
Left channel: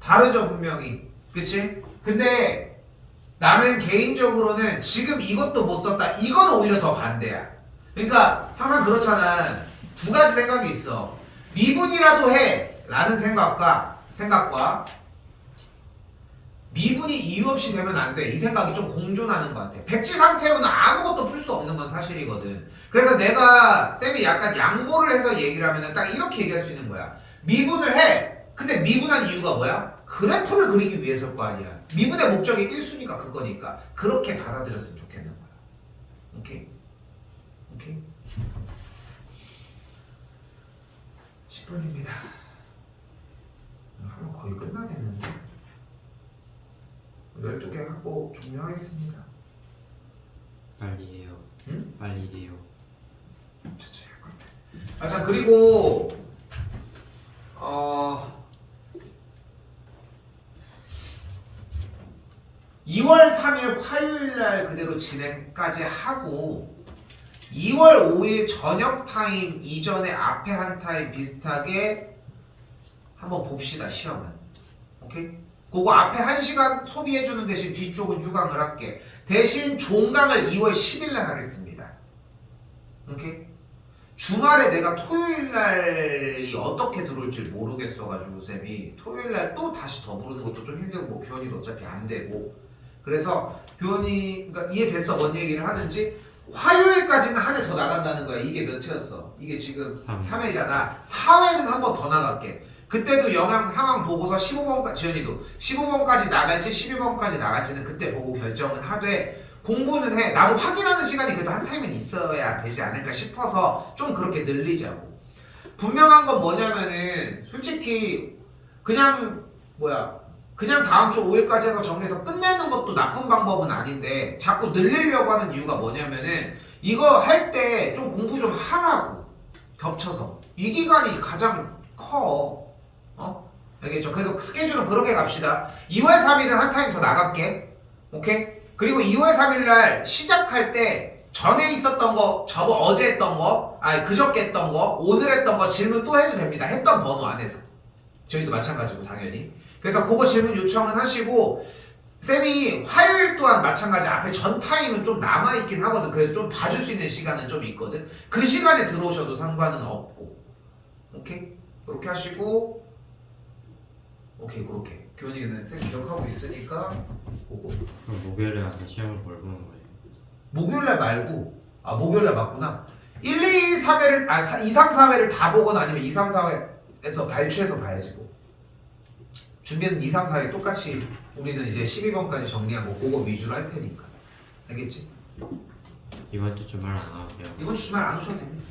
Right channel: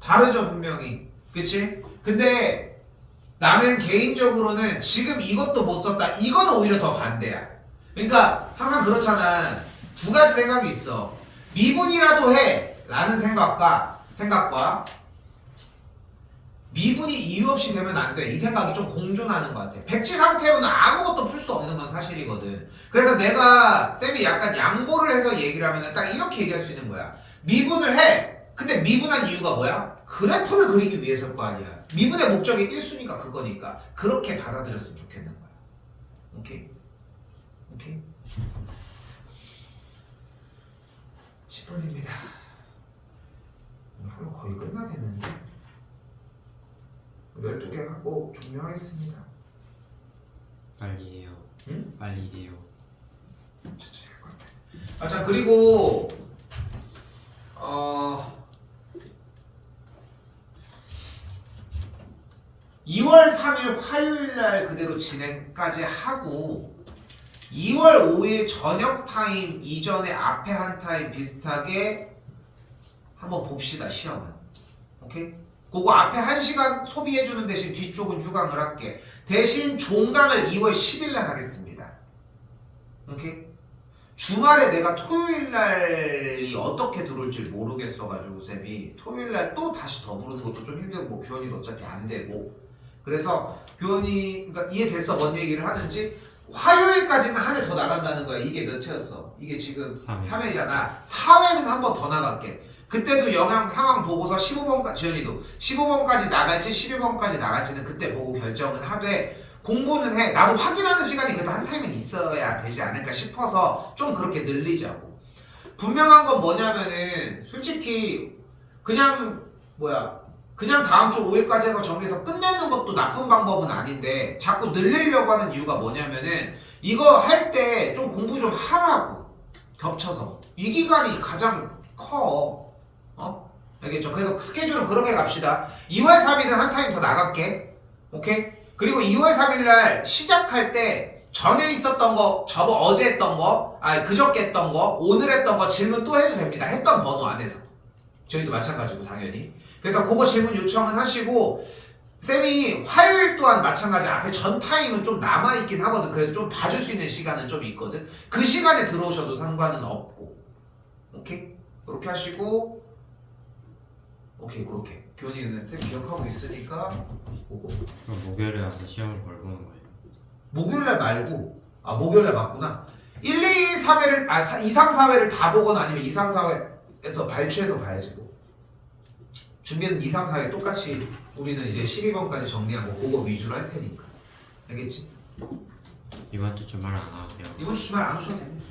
다르죠 분명히. 그치? 근데 나는 개인적으로는 지금 이것도 못 썼다. 이건 오히려 더 반대야. 그러니까 항상 그렇잖아. 두 가지 생각이 있어. 미분이라도 해 라는 생각과 미분이 이유 없이 되면 안 돼. 이 생각이 좀 공존하는 것 같아. 백지 상태로는 아무것도 풀 수 없는 건 사실이거든. 그래서 내가 쌤이 약간 양보를 해서 얘기를 하면 딱 이렇게 얘기할 수 있는 거야. 미분을 해. 근데 미분한 이유가 뭐야? 그래프를 그리기 위해서일 거 아니야. 미분의 목적이 1수니까 그거니까. 그렇게 받아들였으면 좋겠는 거야. 오케이? 오케이? 10분입니다. 하면 거의 끝나겠는데? 12개 하고 종료하겠습니다. 빨리 해요. 응? 빨리 해요. 천천히 할 것 같아. 자 그리고 2월 3일 화요일날 그대로 진행까지 하고 2월 5일 저녁 타임 이전에 앞에 한 타임 비슷하게 한번 봅시다. 시험은. 오케이? 그거 앞에 1시간 소비해주는 대신 뒤쪽은 휴강을 할게. 대신 종강을 2월 10일 날 하겠습니다. 오케이? 주말에 내가 토요일 날이 어떻게 들어올지 모르겠어가지고 쌤이 토요일 날 또 다시 더 부르는 것도 좀 힘들고 뭐 교원이도 어차피 안 되고, 그래서 교원이 그러니까 이해됐어? 뭔 얘기를 하는지. 화요일까지는 한 회 더 나간다는 거야. 이게 몇 회였어? 이게 지금 3회잖아. 4회는 한 번 더 나갈게. 그때도 영양 상황 보고서 15번까지, 지연이도 15번까지 나갈지 12번까지 나갈지는 그때 보고 결정은 하되, 공부는 해. 나도 확인하는 시간이 그래도 한 타임은 있어야 되지 않을까 싶어서 좀 그렇게 늘리자고. 분명한 건 뭐냐면은 솔직히 그냥 다음 주 5일까지 해서 정리해서 끝내는 것도 나쁜 방법은 아닌데, 자꾸 늘리려고 하는 이유가 뭐냐면은 이거 할 때 좀 공부 좀 하라고. 겹쳐서 이 기간이 가장 커. 알겠죠? 그래서 스케줄은 그렇게 갑시다. 2월 3일은 한 타임 더 나갈게. 오케이? 그리고 2월 3일날 시작할 때 전에 있었던 거, 어제 했던 거, 그저께 했던 거, 오늘 했던 거 질문 또 해도 됩니다. 했던 번호 안에서. 저희도 마찬가지고 당연히. 그래서 그거 질문 요청은 하시고 쌤이 화요일 또한 마찬가지 앞에 전 타임은 좀 남아있긴 하거든. 그래서 좀 봐줄 수 있는 시간은 좀 있거든. 그 시간에 들어오셔도 상관은 없고. 오케이? 그렇게 하시고 오케이 그렇게 교원이는 쌤 기억하고 있으니까 보고 그럼 목요일에 와서 시험을 뭘 보는 거예요? 목요일날 말고 목요일날 맞구나. 1, 2, 3회를 2, 3, 4회를 다 보거나 아니면 2, 3, 4회에서 발췌해서 봐야지 뭐. 준비는 2, 3, 4회 똑같이 우리는 이제 12번까지 정리하고 그거 위주로 할 테니까. 알겠지? 이번 주 주말 안 와도요? 이번 주 주말 안 오셔도 됩니다.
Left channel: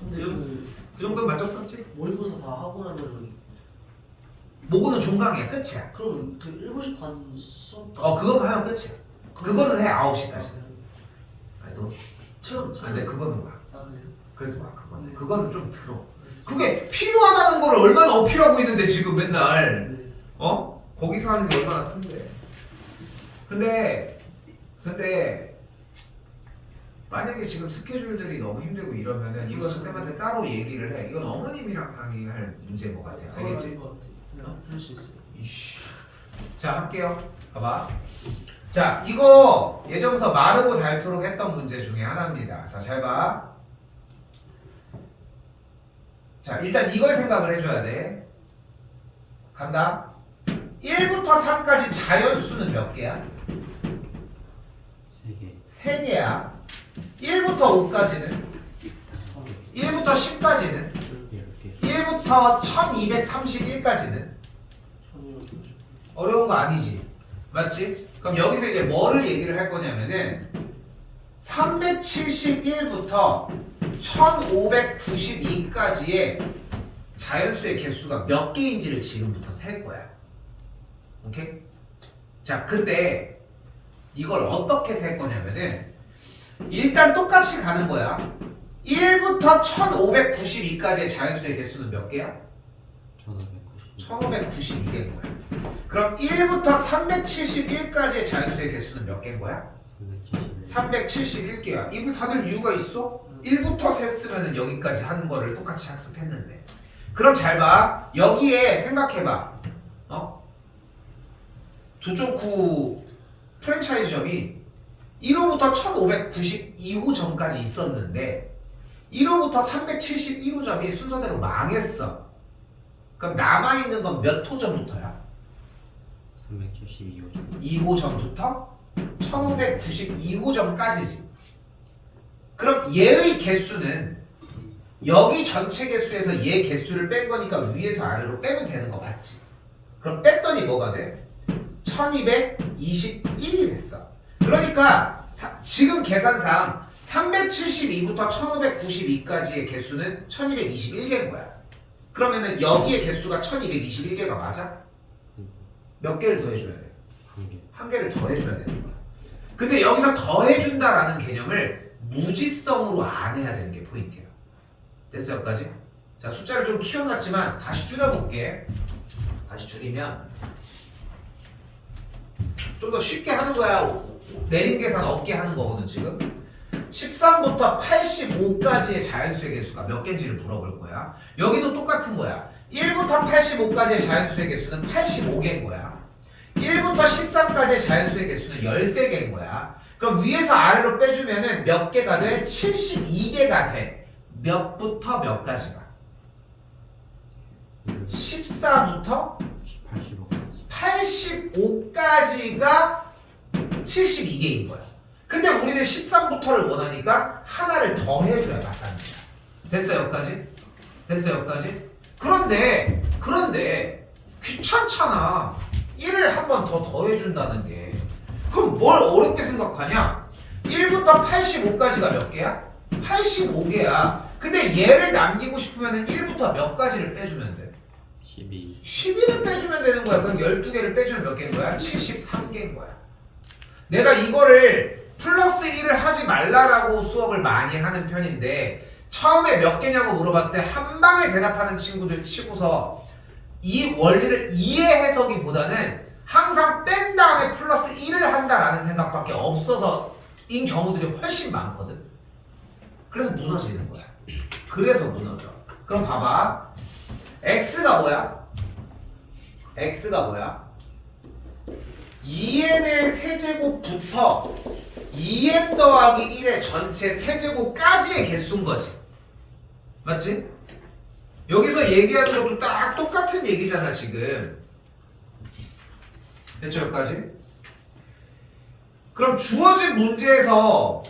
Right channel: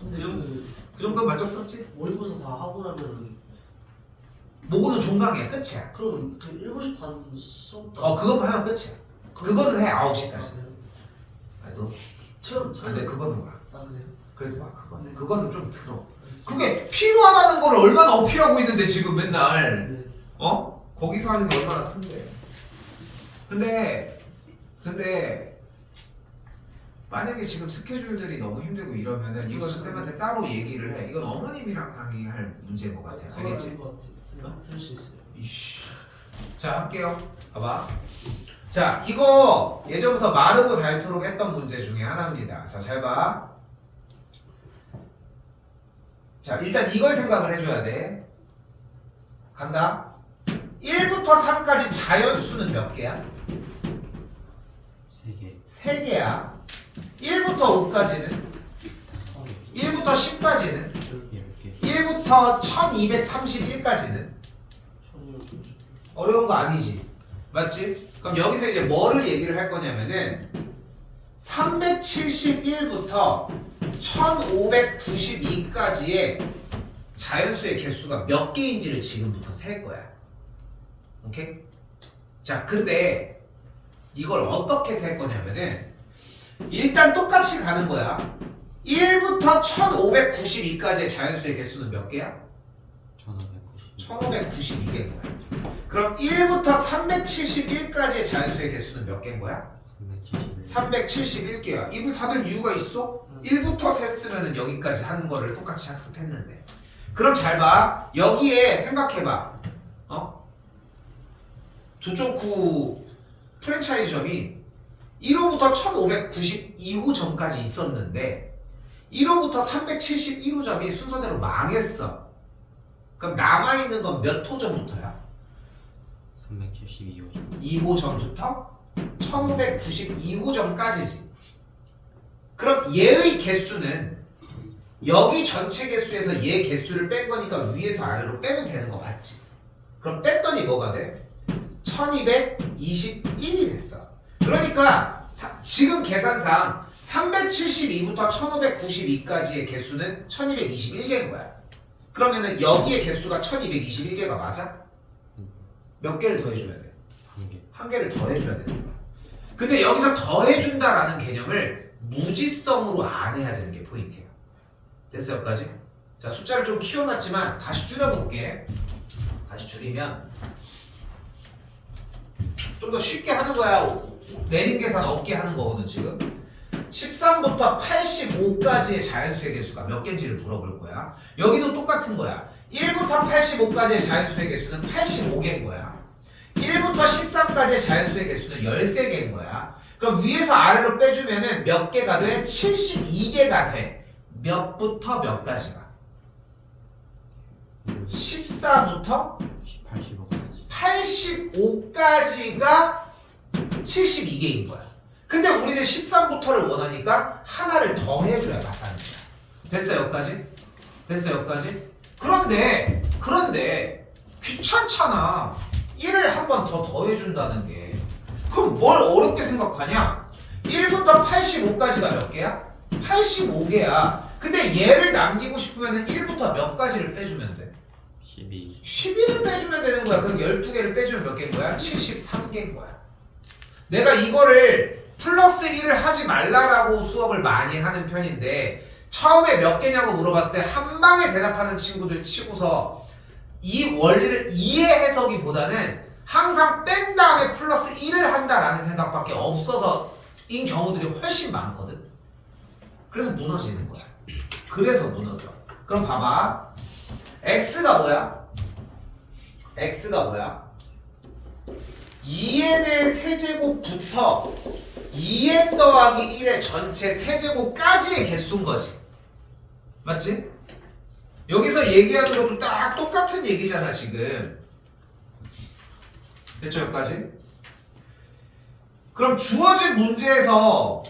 근데 그 정도는 만족스럽지? 모의고사 다 하고 나면 모고는 종강이야. 끝이야. 그럼 그 7시 반 수업 그것만 하면 끝이야. 그거는 해 9시까지. 너 체험 안돼 그거는 와. 그래요? 그래도 와 그거는. 네. 그거는 좀 들어. 그게 필요하다는 거를 얼마나 어필하고 있는데 지금 맨날. 네. 거기서 하는 게 얼마나 큰데. 근데 만약에 지금 스케줄들이 너무 힘들고 이러면은 이거는 쌤한테 따로 얘기를 해. 이건 어머님이랑 상의할 문제인 것 같아. 알겠지? 들을 수 있어요. 이씨. 자 할게요. 봐봐. 자 이거 예전부터 마르고 닳도록 했던 문제 중에 하나입니다. 자 잘 봐. 자 일단 이걸 생각을 해줘야 돼. 간다. 1부터 3까지 자연수는 몇 개야? 3개 3개야. 1부터 5까지는? 1부터 10까지는? 10개 1부터 1231까지는? 어려운 거 아니지? 맞지? 그럼 여기서 이제 뭐를 얘기를 할 거냐면은 371부터 1592까지의 자연수의 개수가 몇 개인지를 지금부터 셀 거야. 오케이? 자, 근데 이걸 어떻게 셀 거냐면은 일단 똑같이 가는 거야. 1부터 1592까지의 자연수의 개수는 몇 개야? 1592 1592개인 거야. 그럼 1부터 371까지의 자연수의 개수는 몇 개인 거야? 371 371개야. 입을 닫을 이유가 있어? 1부터 셌으면 여기까지 한 거를 똑같이 학습했는데. 그럼 잘 봐. 여기에 생각해봐. 조초쿠 프랜차이즈점이 1호부터 1592호점까지 있었는데 1호부터 371호점이 순서대로 망했어. 그럼 남아있는 건 몇 호점부터야? 372호점 2호점부터 1592호점까지지. 그럼 얘의 개수는 여기 전체 개수에서 얘 개수를 뺀 거니까 위에서 아래로 빼면 되는 거 맞지? 그럼 뺐더니 뭐가 돼? 1221이 됐어. 그러니까 지금 계산상 372부터 1592까지의 개수는 1221개인 거야. 그러면은 여기의 개수가 1221개가 맞아? 몇 개를 더 해줘야 돼? 1개 한 개를 더 해줘야 되는 거야. 근데 여기서 더 해준다라는 개념을 무지성으로 안 해야 되는 게 포인트야. 됐어 여기까지? 자 숫자를 좀 키워놨지만 다시 줄여볼게. 다시 줄이면 좀 더 쉽게 하는 거야. 내림 계산 없게 하는 거거든 지금. 13부터 85까지의 자연수의 개수가 몇 개인지를 물어볼 거야. 여기도 똑같은 거야. 1부터 85까지의 자연수의 개수는 85개인 거야. 1부터 13까지의 자연수의 개수는 13개인 거야. 그럼 위에서 아래로 빼주면은 몇 개가 돼? 72개가 돼. 몇부터 몇까지가? 14부터 85까지 85까지가 72개인 거야. 근데 우리는 13부터를 원하니까 하나를 더 해줘야 맞다는 거야. 됐어 여기까지? 됐어 여기까지? 그런데 귀찮잖아. 1을 한 번 더 더해준다는 게. 그럼 뭘 어렵게 생각하냐? 1부터 85까지가 몇 개야? 85개야. 근데 얘를 남기고 싶으면 1부터 몇 가지를 빼주면 돼? 12 12를 빼주면 되는 거야. 그럼 12개를 빼주면 몇 개인 거야? 73개인 거야. 내가 이거를 플러스 1을 하지 말라라고 수업을 많이 하는 편인데 처음에 몇 개냐고 물어봤을 때 한 방에 대답하는 친구들 치고서 이 원리를 이해해서기보다는 항상 뺀 다음에 플러스 1을 한다라는 생각밖에 없어서 인 경우들이 훨씬 많거든. 그래서 무너지는 거야. 그래서 무너져. 그럼 봐봐. x가 뭐야? x가 뭐야? 2n의 세제곱부터 2n 더하기 1의 전체 세제곱까지의 개수인 거지. 맞지? 여기서 얘기하는 것도 딱 똑같은 얘기잖아 지금. 됐죠 여기까지? 그럼 주어진 문제에서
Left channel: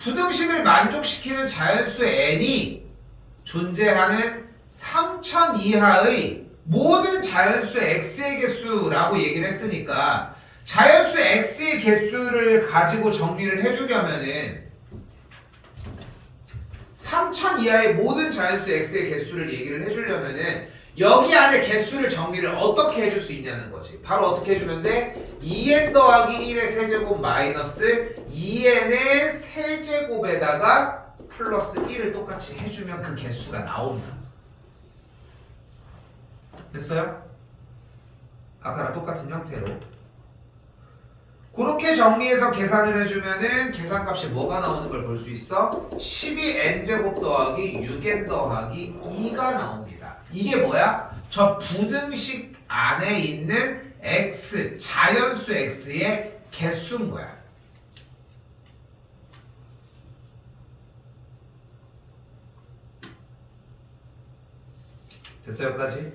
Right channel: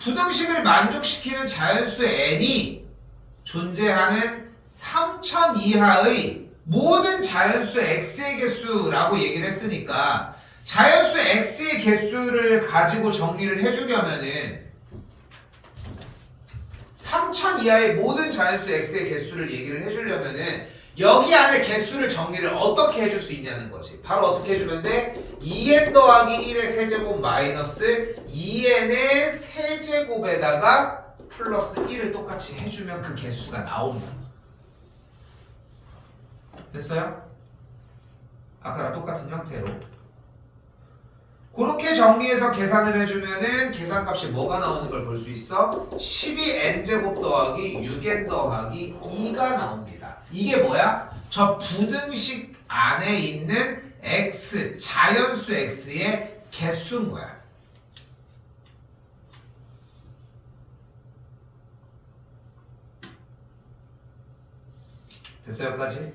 부등식을 만족시키는 자연수 n이 존재하는 3000 이하의 모든 자연수 x의 개수라고 얘기를 했으니까 자연수 x의 개수를 가지고 정리를 해주려면은 3000 이하의 모든 자연수 x의 개수를 얘기를 해주려면은 여기 안에 개수를 정리를 어떻게 해줄 수 있냐는 거지. 바로 어떻게 해주면 돼? 2n 더하기 1의 세제곱 마이너스 2n의 세제곱에다가 플러스 1을 똑같이 해주면 그 개수가 나온다. 됐어요? 아까랑 똑같은 형태로. 그렇게 정리해서 계산을 해주면은 계산값이 뭐가 나오는 걸 볼 수 있어? 12n제곱 더하기 6n 더하기 2가 나옵니다. 이게 뭐야? 저 부등식 안에 있는 x, 자연수 x의 개수인 거야. 됐어요? 여기까지?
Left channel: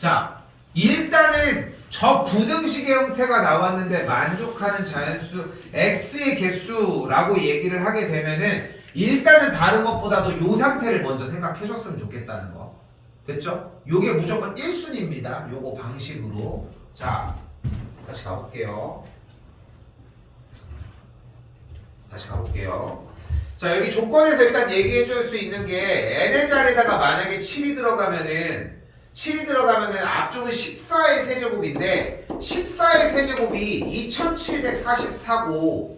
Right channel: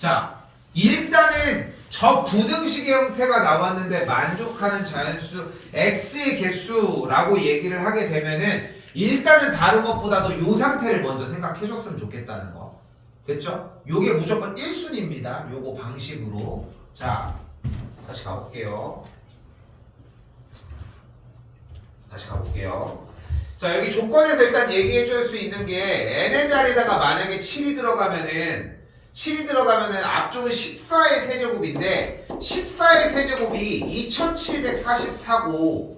자, 일단은 저 부등식의 형태가 나왔는데 만족하는 자연수 x의 개수라고 얘기를 하게 되면은 일단은 다른 것보다도 요 상태를 먼저 생각해 줬으면 좋겠다는 거. 됐죠? 요게 무조건 1순위입니다. 요거 방식으로. 자, 다시 가볼게요. 자, 여기 조건에서 일단 얘기해 줄 수 있는 게 n의 자리에다가 만약에 7이 들어가면은 앞쪽은 14의 세제곱인데 14의 세제곱이 2744고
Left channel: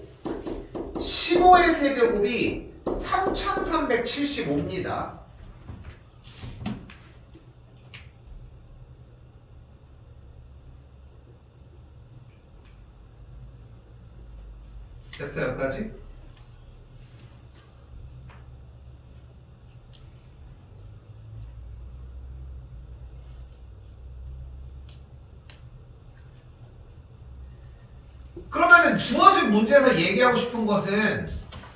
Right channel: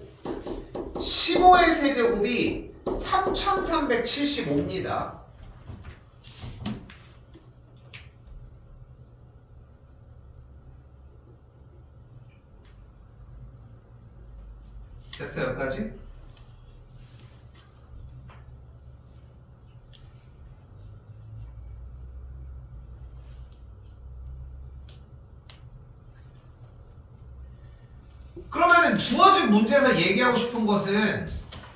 15의 세제곱이 3375입니다. 됐어요? 여기까지? 그러면은 주어진 문제에서 얘기하고 싶은 것은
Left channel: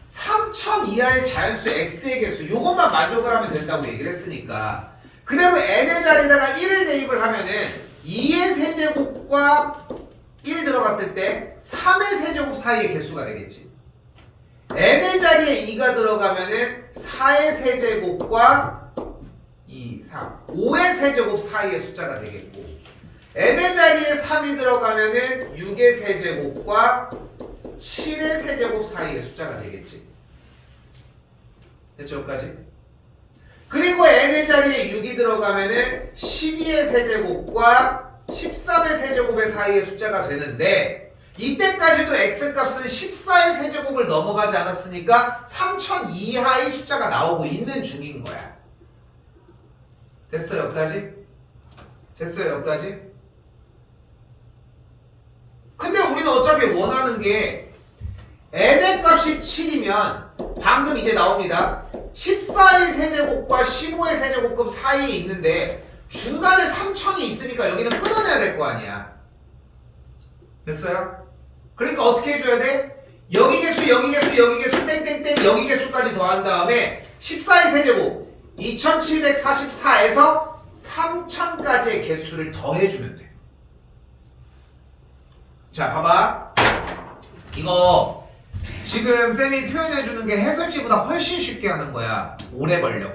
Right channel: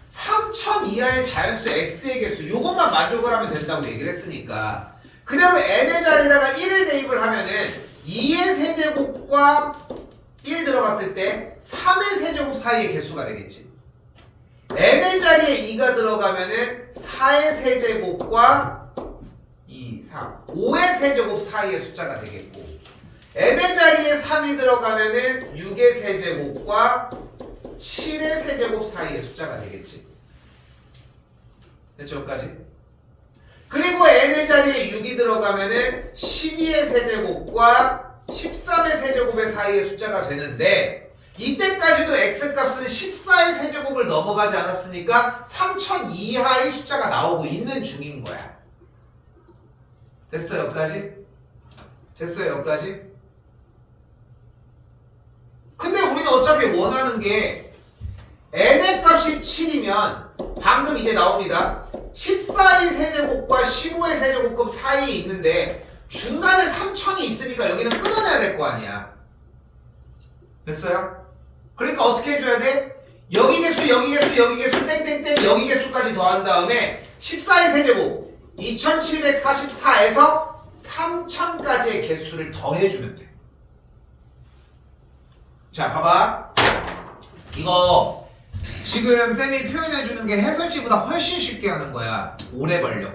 3000 이하의 자연수 x의 개수 요것만 만족을 하면 된다고 얘기를 했으니까 그대로 n의 자리에다가 1을 대입을 하면은 2의 세제곱과 1 들어갔을 때 3의 세제곱 사이의 개수가 되겠지. n의 자리에 2가 들어가면은 4의 세제곱과 2, 3, 5의 세제곱 사이의 숫자가 되겠고 n의 자리에 3이 들어가면은 6의 세제곱과 7의 세제곱 사이의 숫자가 되겠지. 됐죠? 여기까지? 그리고 n의 자리에 6이 들어가면은 12의 세제곱과 13의 세제곱의 사이의 숫자가 되는데 이때까지도 x값은 14의 세제곱을 넘어가지 않았으니까 3000 이하의 숫자가 나오고 있는 중인 거야. 됐어요? 여기까지? 됐어요? 여기까지? 근데 우리는 어차피 원하는 게 n의 값이 7이면 방금 이제 나옵니다. 14의 세제곱과 15의 세제곱급 사이에 있는데 중간에 3000이 있으니까 여기는 끊어내야 될 거 아니야. 됐어요? 그러니까 어떻게 해줘야 돼? 여기 개수, 여기 개수, 여기 개수, 땡땡땡 여기 개수까지 더한 다음에 14의 세제곱 2744에서 3000까지의 개수를 더해주면 돼. 자, 봐봐. 이거 지금 쌤이 표현해주는 게 해설지보다 훨씬 쉽게 하는 거야. 오래 걸려,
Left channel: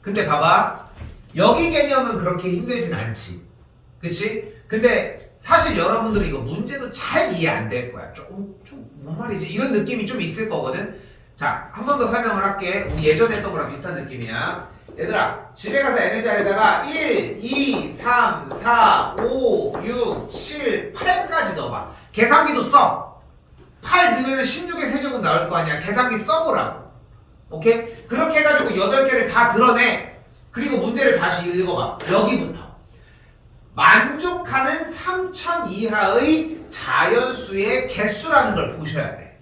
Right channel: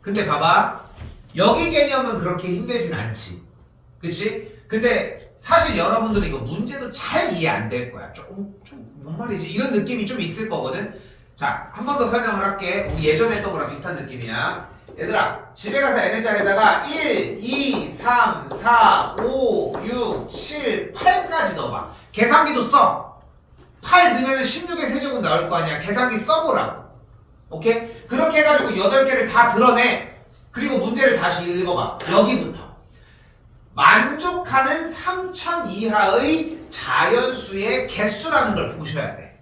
근데 봐봐. 여기 개념은 그렇게 힘들진 않지. 그치? 근데 사실 여러분들이 이거 문제도 잘 이해 안 될 거야. 뭔 말이지? 이런 느낌이 좀 있을 거거든? 자, 한 번 더 설명을 할게. 우리 예전에 했던 거랑 비슷한 느낌이야. 얘들아, 집에 가서 n의 자리에다가 1, 2, 3, 4, 5, 6, 7, 8까지 넣어봐. 계산기도 써. 8 넣으면 16의 세제곱 나올 거 아니야. 계산기 써보라고. 오케이? 그렇게 해가지고 8개를 다 드러내. 그리고 문제를 다시 읽어봐. 여기부터. 만족하는 3000 이하의 자연수의 개수라는 걸 보셔야 돼.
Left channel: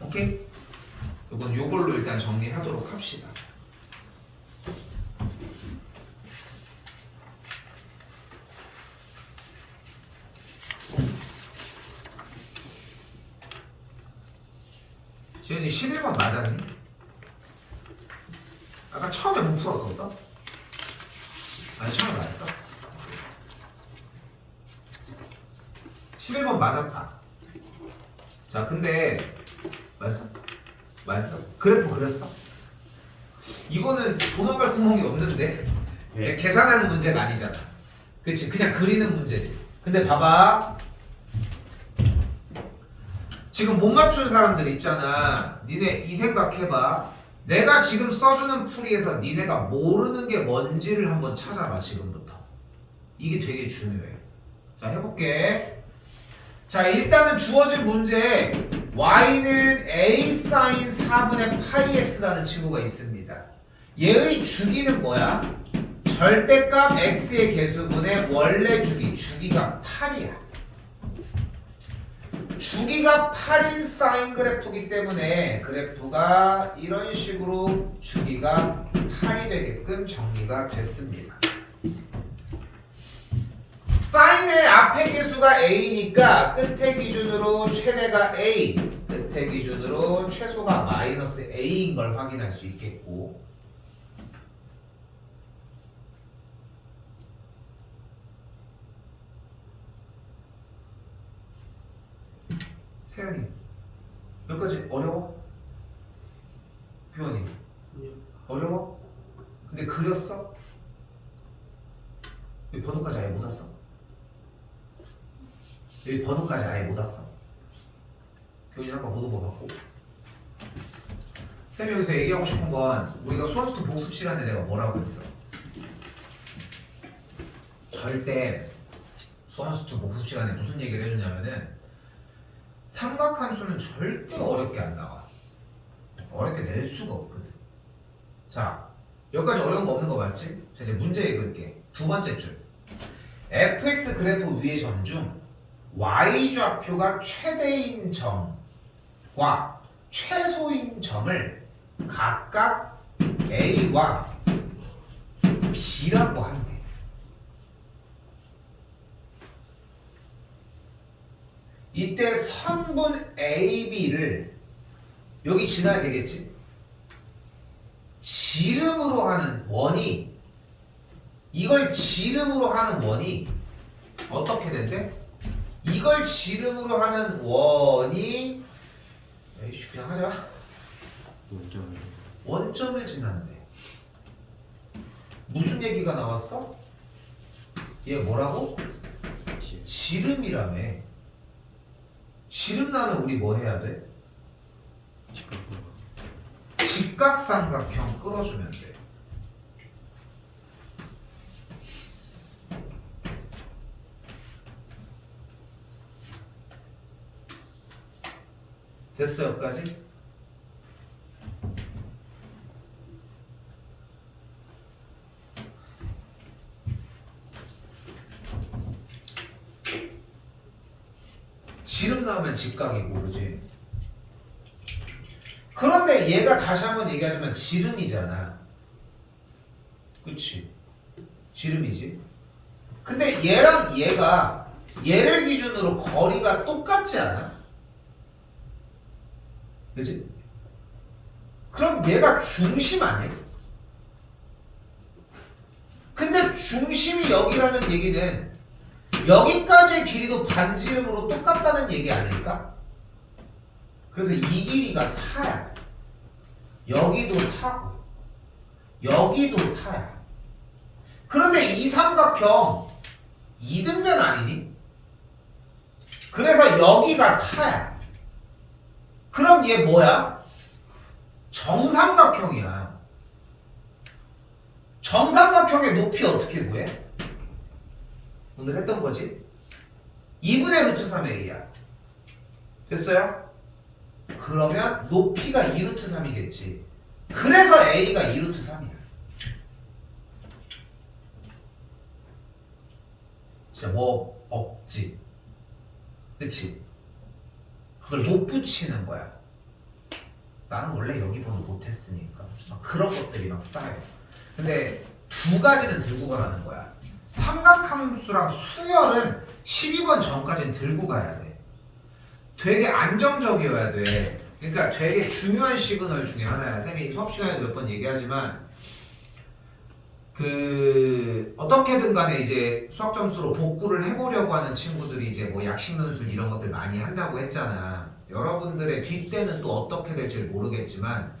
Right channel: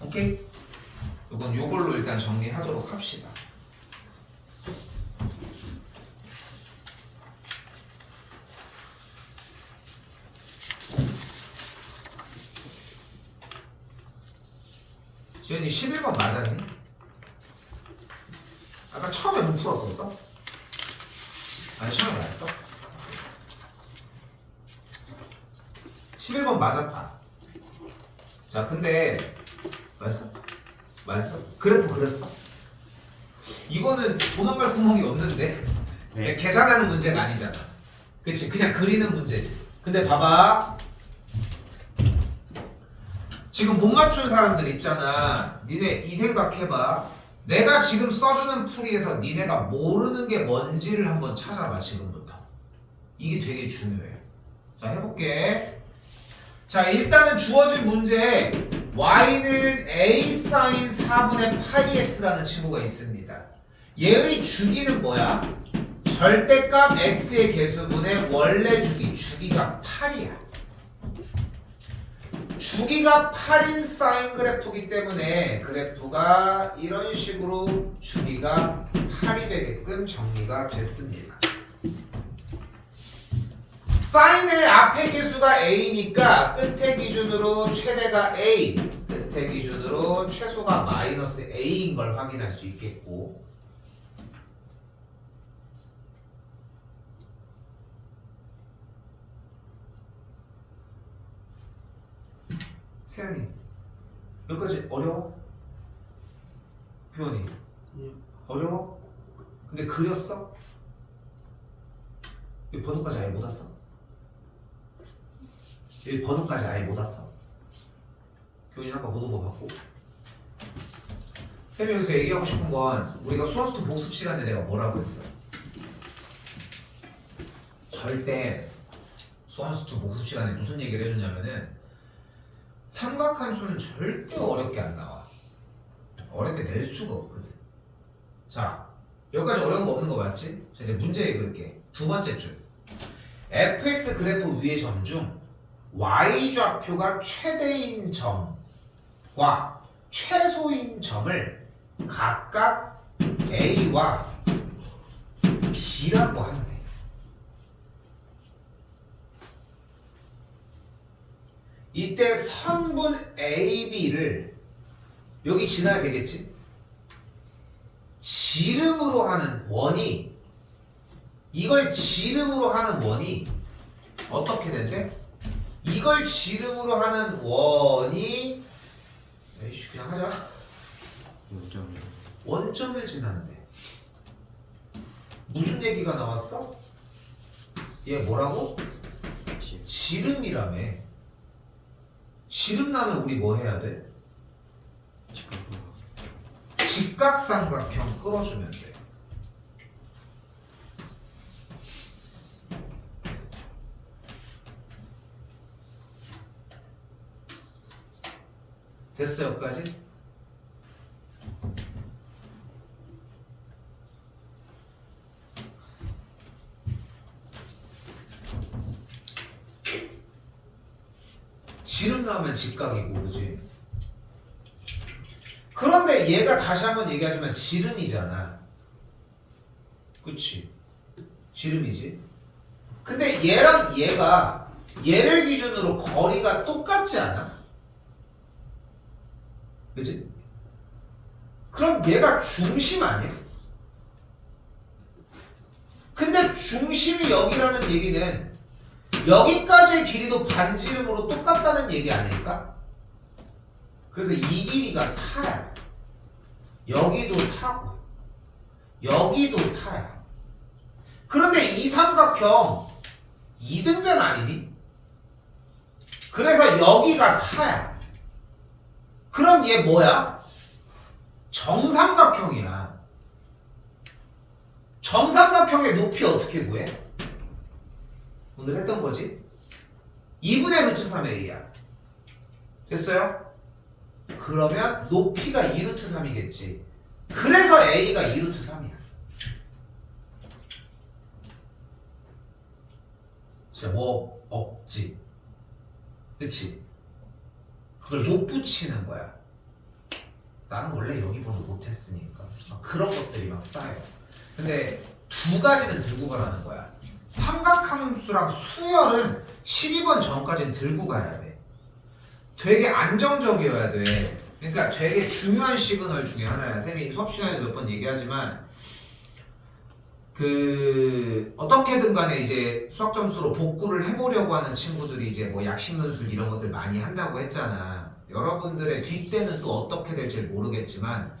오케이? 이건 요걸로 일단 정리하도록 합시다. 지현이 11번 맞았니? 아까 처음에 못 풀었었어? 아니 처음에 맞았어? 11번 맞았다. 자 근데 맞았어? 맞았어? 그래프 그렸어? 이거는 도망갈 구멍이 없는데 네. 계산하는 문제가 아니잖아. 그치? 그냥 그리는 문제지. 근데 봐봐. 지금 못 맞춘 사람들 있잖아. 니네 이 생각해봐. 내가 지금 써주는 풀이에서 니네가 모르는 게 뭔지를 한번 찾아봐. 지금부터. 이게 되게 중요해. 자 해볼게. 자 일단은 주어진 문제 y는 a sin 4분의 파이 x라는 친구가 있습니다. 얘의 주기는 뭐야? 절대값 x의 개수분의 원래 주기, 주기가 8이야. 주기가 8인 사인 그래프이기 때문에 그래프가 이런 식으로 주기가 8이 되게끔 정리가 됐습니다. 사인의 앞에 개수가 a니까 끝에 기준으로 최대가 a, 끝에 기준으로 최소가 마이너스 a인 걸 확인할 수 있겠고, 세연이 여기까지 어려워? 규현이 어려워? 근데 그렸어? 여기 번호까지 아예 못 왔어? 여기 번호까지 아예 못 왔어? 규현이 아까 못 온 거 같고. 쌤이 여기서 얘기하고 싶은 건 우리가 수학스트 복습 시간에 내가 뭐라고 했어? 절대 수학스트 복습 시간에 무슨 얘기를 해주냐면은 삼각함수는 절대 어렵게 안 나와. 어렵게 낼 수가 없거든. 자, 여기까지 어려운 거 없는 거 맞지? 자, 이제 문제 읽을게. 두 번째 줄. fx 그래프 위의 점 중 y좌표가 최대인 점과 최소인 점을 각각 a와 b라고 한대. 이때 선분 AB를 여기 지나야 되겠지? 지름으로 하는 원이, 이걸 지름으로 하는 원이 어떻게 된대? 이걸 지름으로 하는 원이, 에이씨 그냥 하자. 원점을 지난대. 무슨 얘기가 나왔어? 얘 뭐라고? 지름이라며. 지름 나면 우리 뭐 해야 돼? 직각삼각형 끌어주면 돼. 됐어 여기까지? 지름 나오면 직각이고 그지? 그런데 얘가 다시 한번 얘기하지만 지름이잖아. 그치? 지름이지? 근데 얘랑 얘가 얘를 기준으로 거리가 똑같지 않아? 그치? 그럼 얘가 중심 아니야? 근데 중심이 여기라는 얘기는 여기까지의 길이도 반지름으로 똑같다는 얘기 아닐까? 그래서 이 길이가 4야. 여기도 4고 여기도 4야. 그런데 이 삼각형 이등변 아니니? 그래서 여기가 4야. 그럼 얘 뭐야? 정삼각형이야. 정삼각형의 높이 어떻게 구해? 오늘 했던 거지? 2분의 루트 3a야. 됐어요? 그러면 높이가 2루트 3이겠지. 그래서 a가 2루트 3이야. 진짜 뭐 없지. 그치? 그걸 못 붙이는 거야. 나는 원래 여기 번호 못했으니까 막 그런 것들이랑 쌓여. 근데 두 가지는 들고 가라는 거야. 삼각함수랑 수열은 12번 전까지는 들고 가야 돼. 되게 안정적이어야 돼. 그러니까 되게 중요한 시그널 중에 하나야. 쌤이 수업 시간에도 몇 번 얘기하지만 그 어떻게든 간에 이제 수학 점수로 복구를 해보려고 하는 친구들이 이제 뭐 약식론술 이런 것들 많이 한다고 했잖아. 여러분들의 뒷대는 또 어떻게 될지 모르겠지만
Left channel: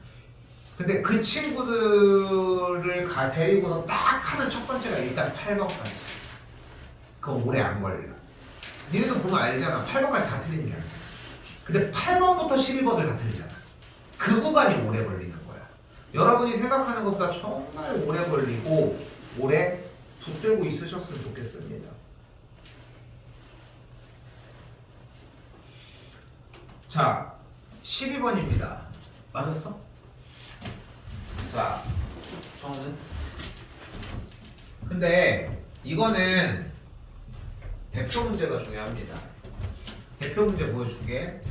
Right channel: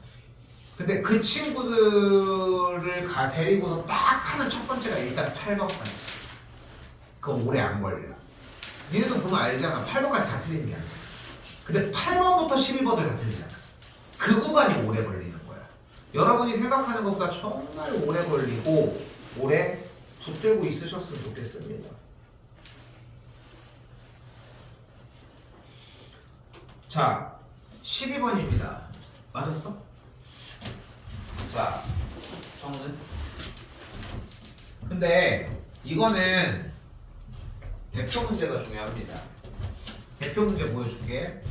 근데 그 친구들을 데리고서 딱 하는 첫 번째가 일단 8번까지. 그거 오래 안 걸려. 니네도 보면 알잖아. 8번까지 다 틀리는 게 아니야. 근데 8번부터 11번을 다 틀리잖아. 그 구간이 오래 걸리는 거야. 여러분이 생각하는 것보다 정말 오래 걸리고 오래 붙들고 있으셨으면 좋겠습니다. 자, 12번입니다. 맞았어? 자, 정은. 근데 이거는 대표 문제가 중요합니다. 대표 문제 보여줄게.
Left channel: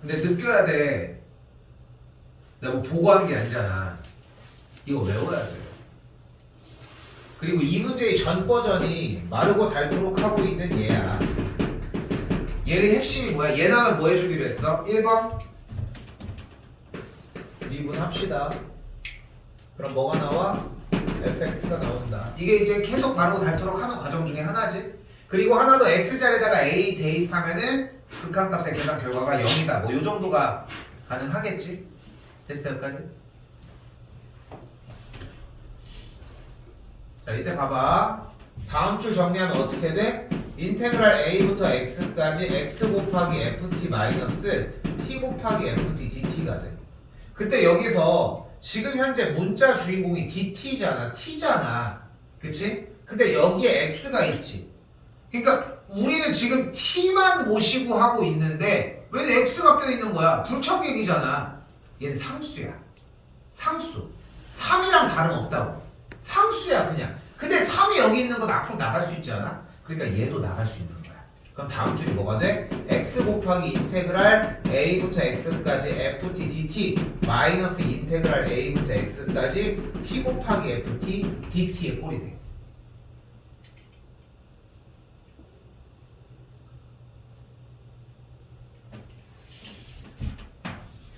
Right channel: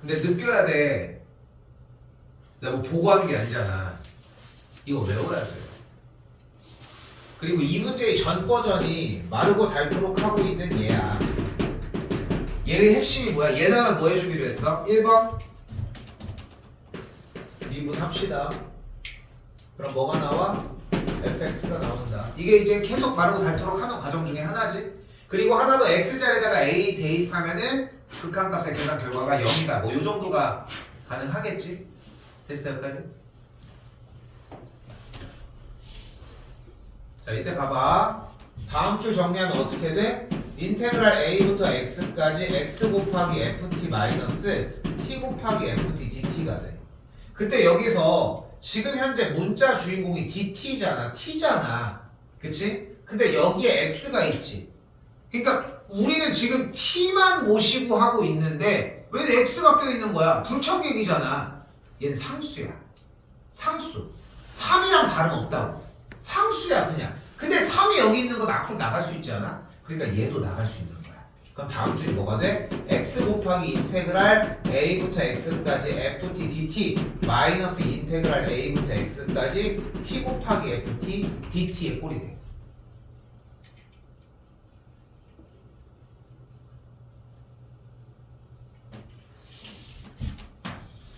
근데 느껴야 돼. 내가 뭐 보고하는 게 아니잖아. 이거 외워야 돼. 그리고 이 문제의 전 버전이 마르고 닳도록 하고 있는 얘야. 얘의 핵심이 뭐야? 얘나만 뭐 해주기로 했어? 1번 미분합시다. 그럼 뭐가 나와? fx가 나온다. 이게 이제 계속 마르고 닳도록 하는 과정 중에 하나지. 그리고 하나 더 x자리에다가 a 대입하면은 극한값의 계산 결과가 0이다. 뭐 요 정도가 가능하겠지? 됐어 여기까지? 자 이때 봐봐. 다음 줄 정리하면 어떻게 돼? 인테그랄 a부터 x까지 x 곱하기 ft 마이너스 t 곱하기 ft dt가 돼. 그때 여기서 지금 현재 문자 주인공이 dt잖아. t잖아. 그치? 근데 여기에 x가 있지. 그러니까 우리는 지금 t만 모시고 하고 있는데 왜 x가 껴있는 거야? 불청객이잖아. 얘는 상수야. 상수. 3이랑 다름없다고. 상수야 그냥. 근데 3이 여기 있는 건 앞으로 나갈 수 있지 않아? 그러니까 얘도 나갈 수 있는 거야. 그럼 다음 줄이 뭐가 돼? x 곱하기 인테그랄 a부터 x까지 ft dt 마이너스 인테그랄 a부터 x까지 t 곱하기 ft dt의 꼴이 돼.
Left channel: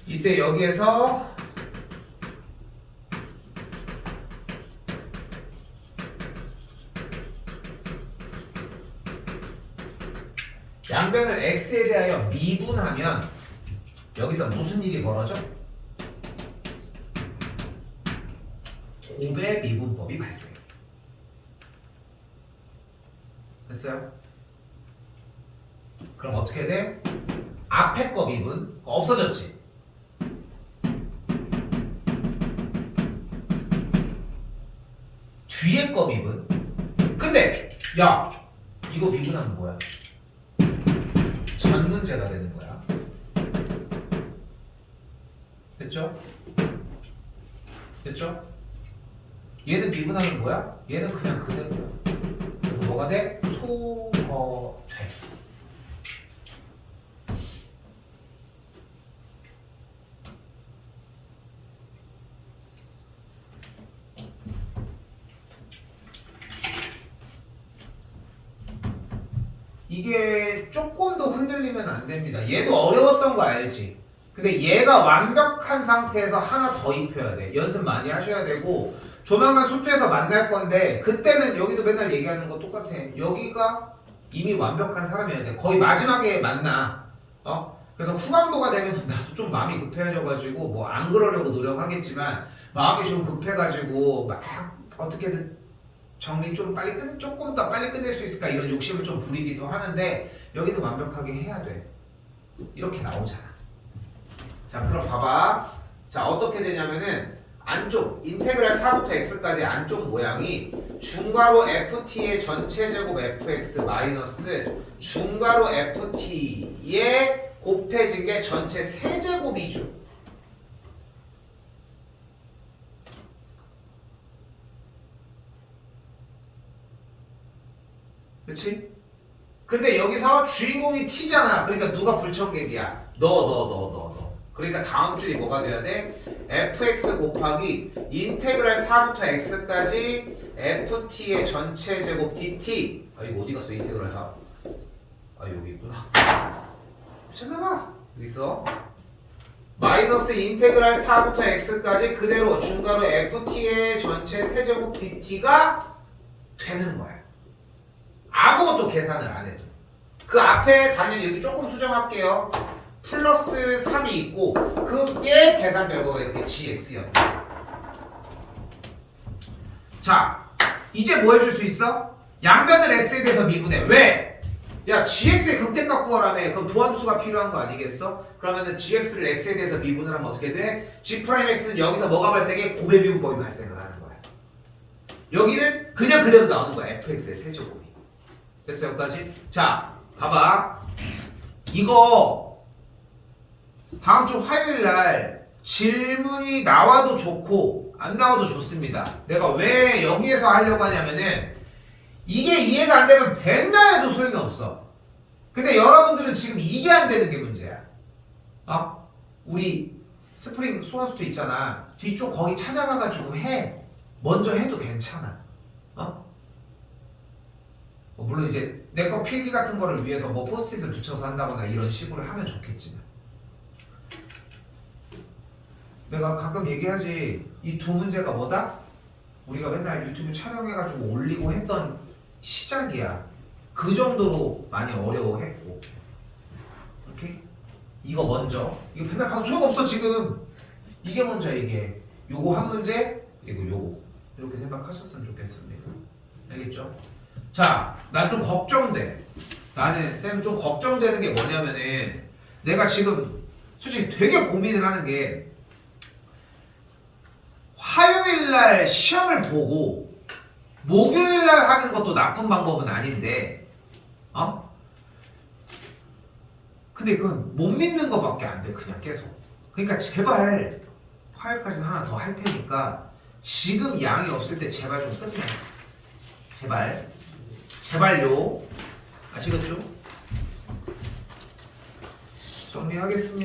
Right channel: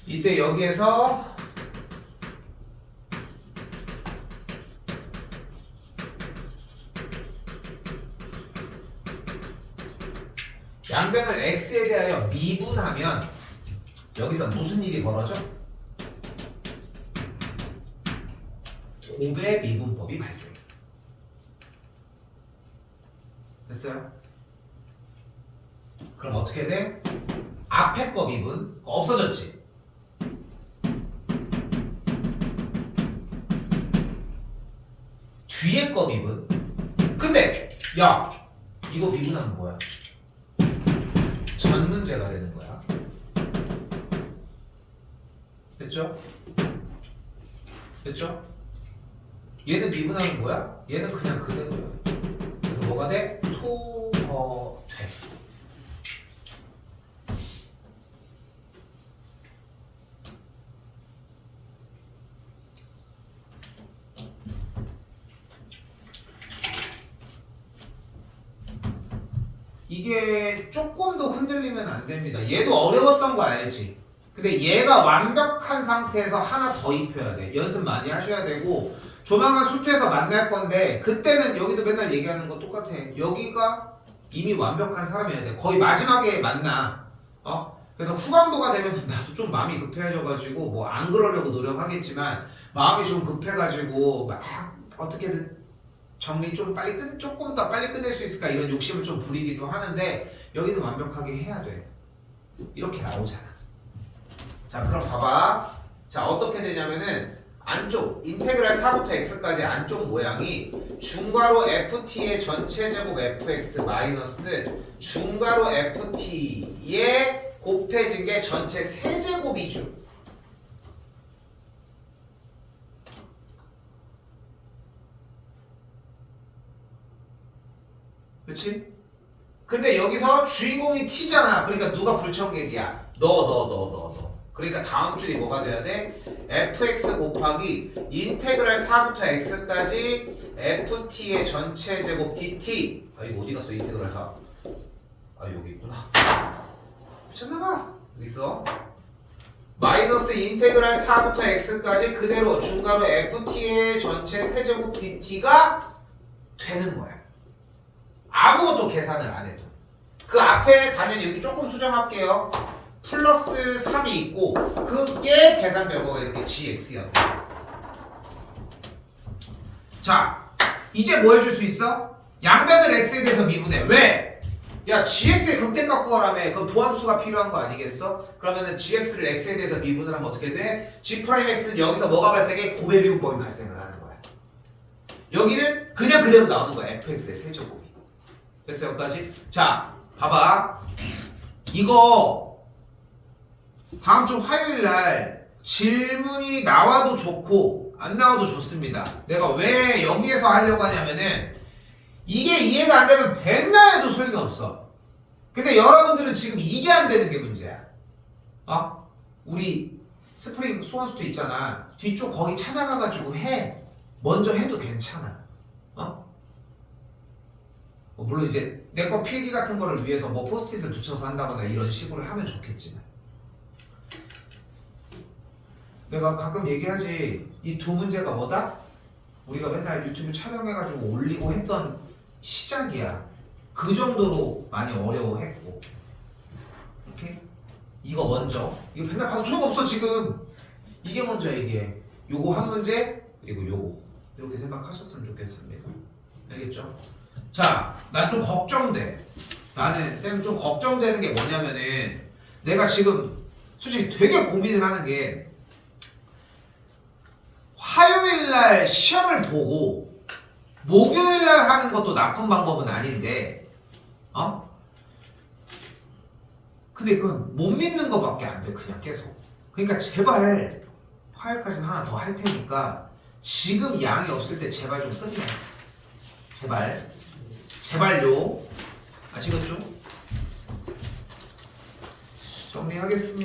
이때 여기에서 양변을 x에 대하여 미분하면 여기서 무슨 일이 벌어져? 곱의 미분법이 발생해. 됐어요? 그럼 어떻게 돼? 앞에 거 미분 없어졌지? 뒤에 거 미분. 근데 야 이거 미분하면 뭐야? 전 문제가 되는 거야. 됐죠? 됐죠? 얘는 미분하면 뭐야? 얘는 그냥 그대로야. 그래서 뭐가 돼? 소거돼. 이게 조금 더 흔들리면 안 됩니다. 얘도 어려웠던 거 알지? 근데 얘가 완벽한 상태에서 하나 더 입혀야 돼. 연습 많이 하셔야 되고 조만간 수투에서 만날 건데 그때는 여기도 맨날 얘기하는 거 똑같아. 여기가 이미 완벽한 사람이어야 돼. 거의 마지막에 만나. 그래서 후반부가 되면 나도 좀 마음이 급해져가지고 뭐 안 그러려고 노력하겠지만 마음이 좀 급해가지고 막 어떻게든 정리 좀 빨리 조금 더 빨리 끝낼 수 있을까 이런 욕심을 좀 부리기도 하는데 여기는 완벽하게 해야 돼. 이렇게 나오잖아. 자 그럼 봐봐. 자 어떻게 되냐면은 안쪽 인테그랄 4부터 x까지 안쪽 모양이 중괄호 ft의 전체 제곱 fx 마이너스 중괄호 ft에 곱해진 게 전체 세제곱이죠. 그치? 근데 여기서 주인공이 t잖아. 그러니까 누가 불청객이야? 너. 그러니까 다음 줄이 뭐가 돼야 돼? fx 곱하기 인테그랄 4부터 x까지 ft의 전체 제곱 dt. 아 이거 어디 갔어? 인테그랄 4. 아 여기 있구나. 미쳤나봐. 여기 있어. 마이너스 인테그랄 4부터 x까지 그대로 중괄호 ft의 전체 세제곱 dt가 되는 거야. 아무것도 계산을 안 해도. 그 앞에 당연히 여기 조금 수정할게요. 플러스 3이 있고 그게 계산 결과가 이렇게 gx였다. 자, 이제 뭐 해줄 수 있어? 양변을 x에 대해서 미분해. 왜? 야, gx의 극대값 구하라며. 그럼 도함수가 필요한 거 아니겠어? 그러면은 gx를 x에 대해서 미분을 하면 어떻게 돼? g'x는 여기서 뭐가 발생해? 고배 미분법이 발생을 하는 거야. 여기는 그냥 그대로 나오는 거야. fx의 세제곱이. 됐어 여기까지? 자, 봐봐. 이거 다음 주 화요일 날 질문이 나와도 좋고 안 나와도 좋습니다. 내가 왜 여기에서 하려고 하냐면은 이게 이해가 안 되면 백날 해도 소용이 없어. 근데 여러분들은 지금 이게 안 되는 게 문제야. 우리 스프링 수화수도 있잖아. 뒤쪽 거기 찾아가가지고 해. 먼저 해도 괜찮아. 물론 이제 내 거 필기 같은 거를 위해서 뭐 포스트잇을 붙여서 한다거나 이런 식으로 하면 좋겠지만 내가 가끔 얘기하지. 이 두 문제가 뭐다? 우리가 맨날 유튜브 촬영해가지고 올리고 했던 시작이야. 그 정도로 많이 어려워했고. 오케이? 이거 먼저. 이거 맨날 봐도 소용없어 지금. 이게 먼저 이게. 요거 한 문제 그리고 요거. 이렇게 생각하셨으면 좋겠습니다. 알겠죠? 자, 난 좀 걱정돼. 나는 쌤 좀 걱정되는 게 뭐냐면은 내가 지금 솔직히 되게 고민을 하는 게 화요일날 시험을 보고 목요일날 하는 것도 나쁜 방법은 아닌데 근데 그건 못 믿는 거밖에 안 돼. 그냥 계속. 그러니까 제발 화요일까지는 하나 더 할 테니까 지금 양이 없을 때 제발 좀 끝내. 제발요. 아시겠죠? 정리하겠습니다.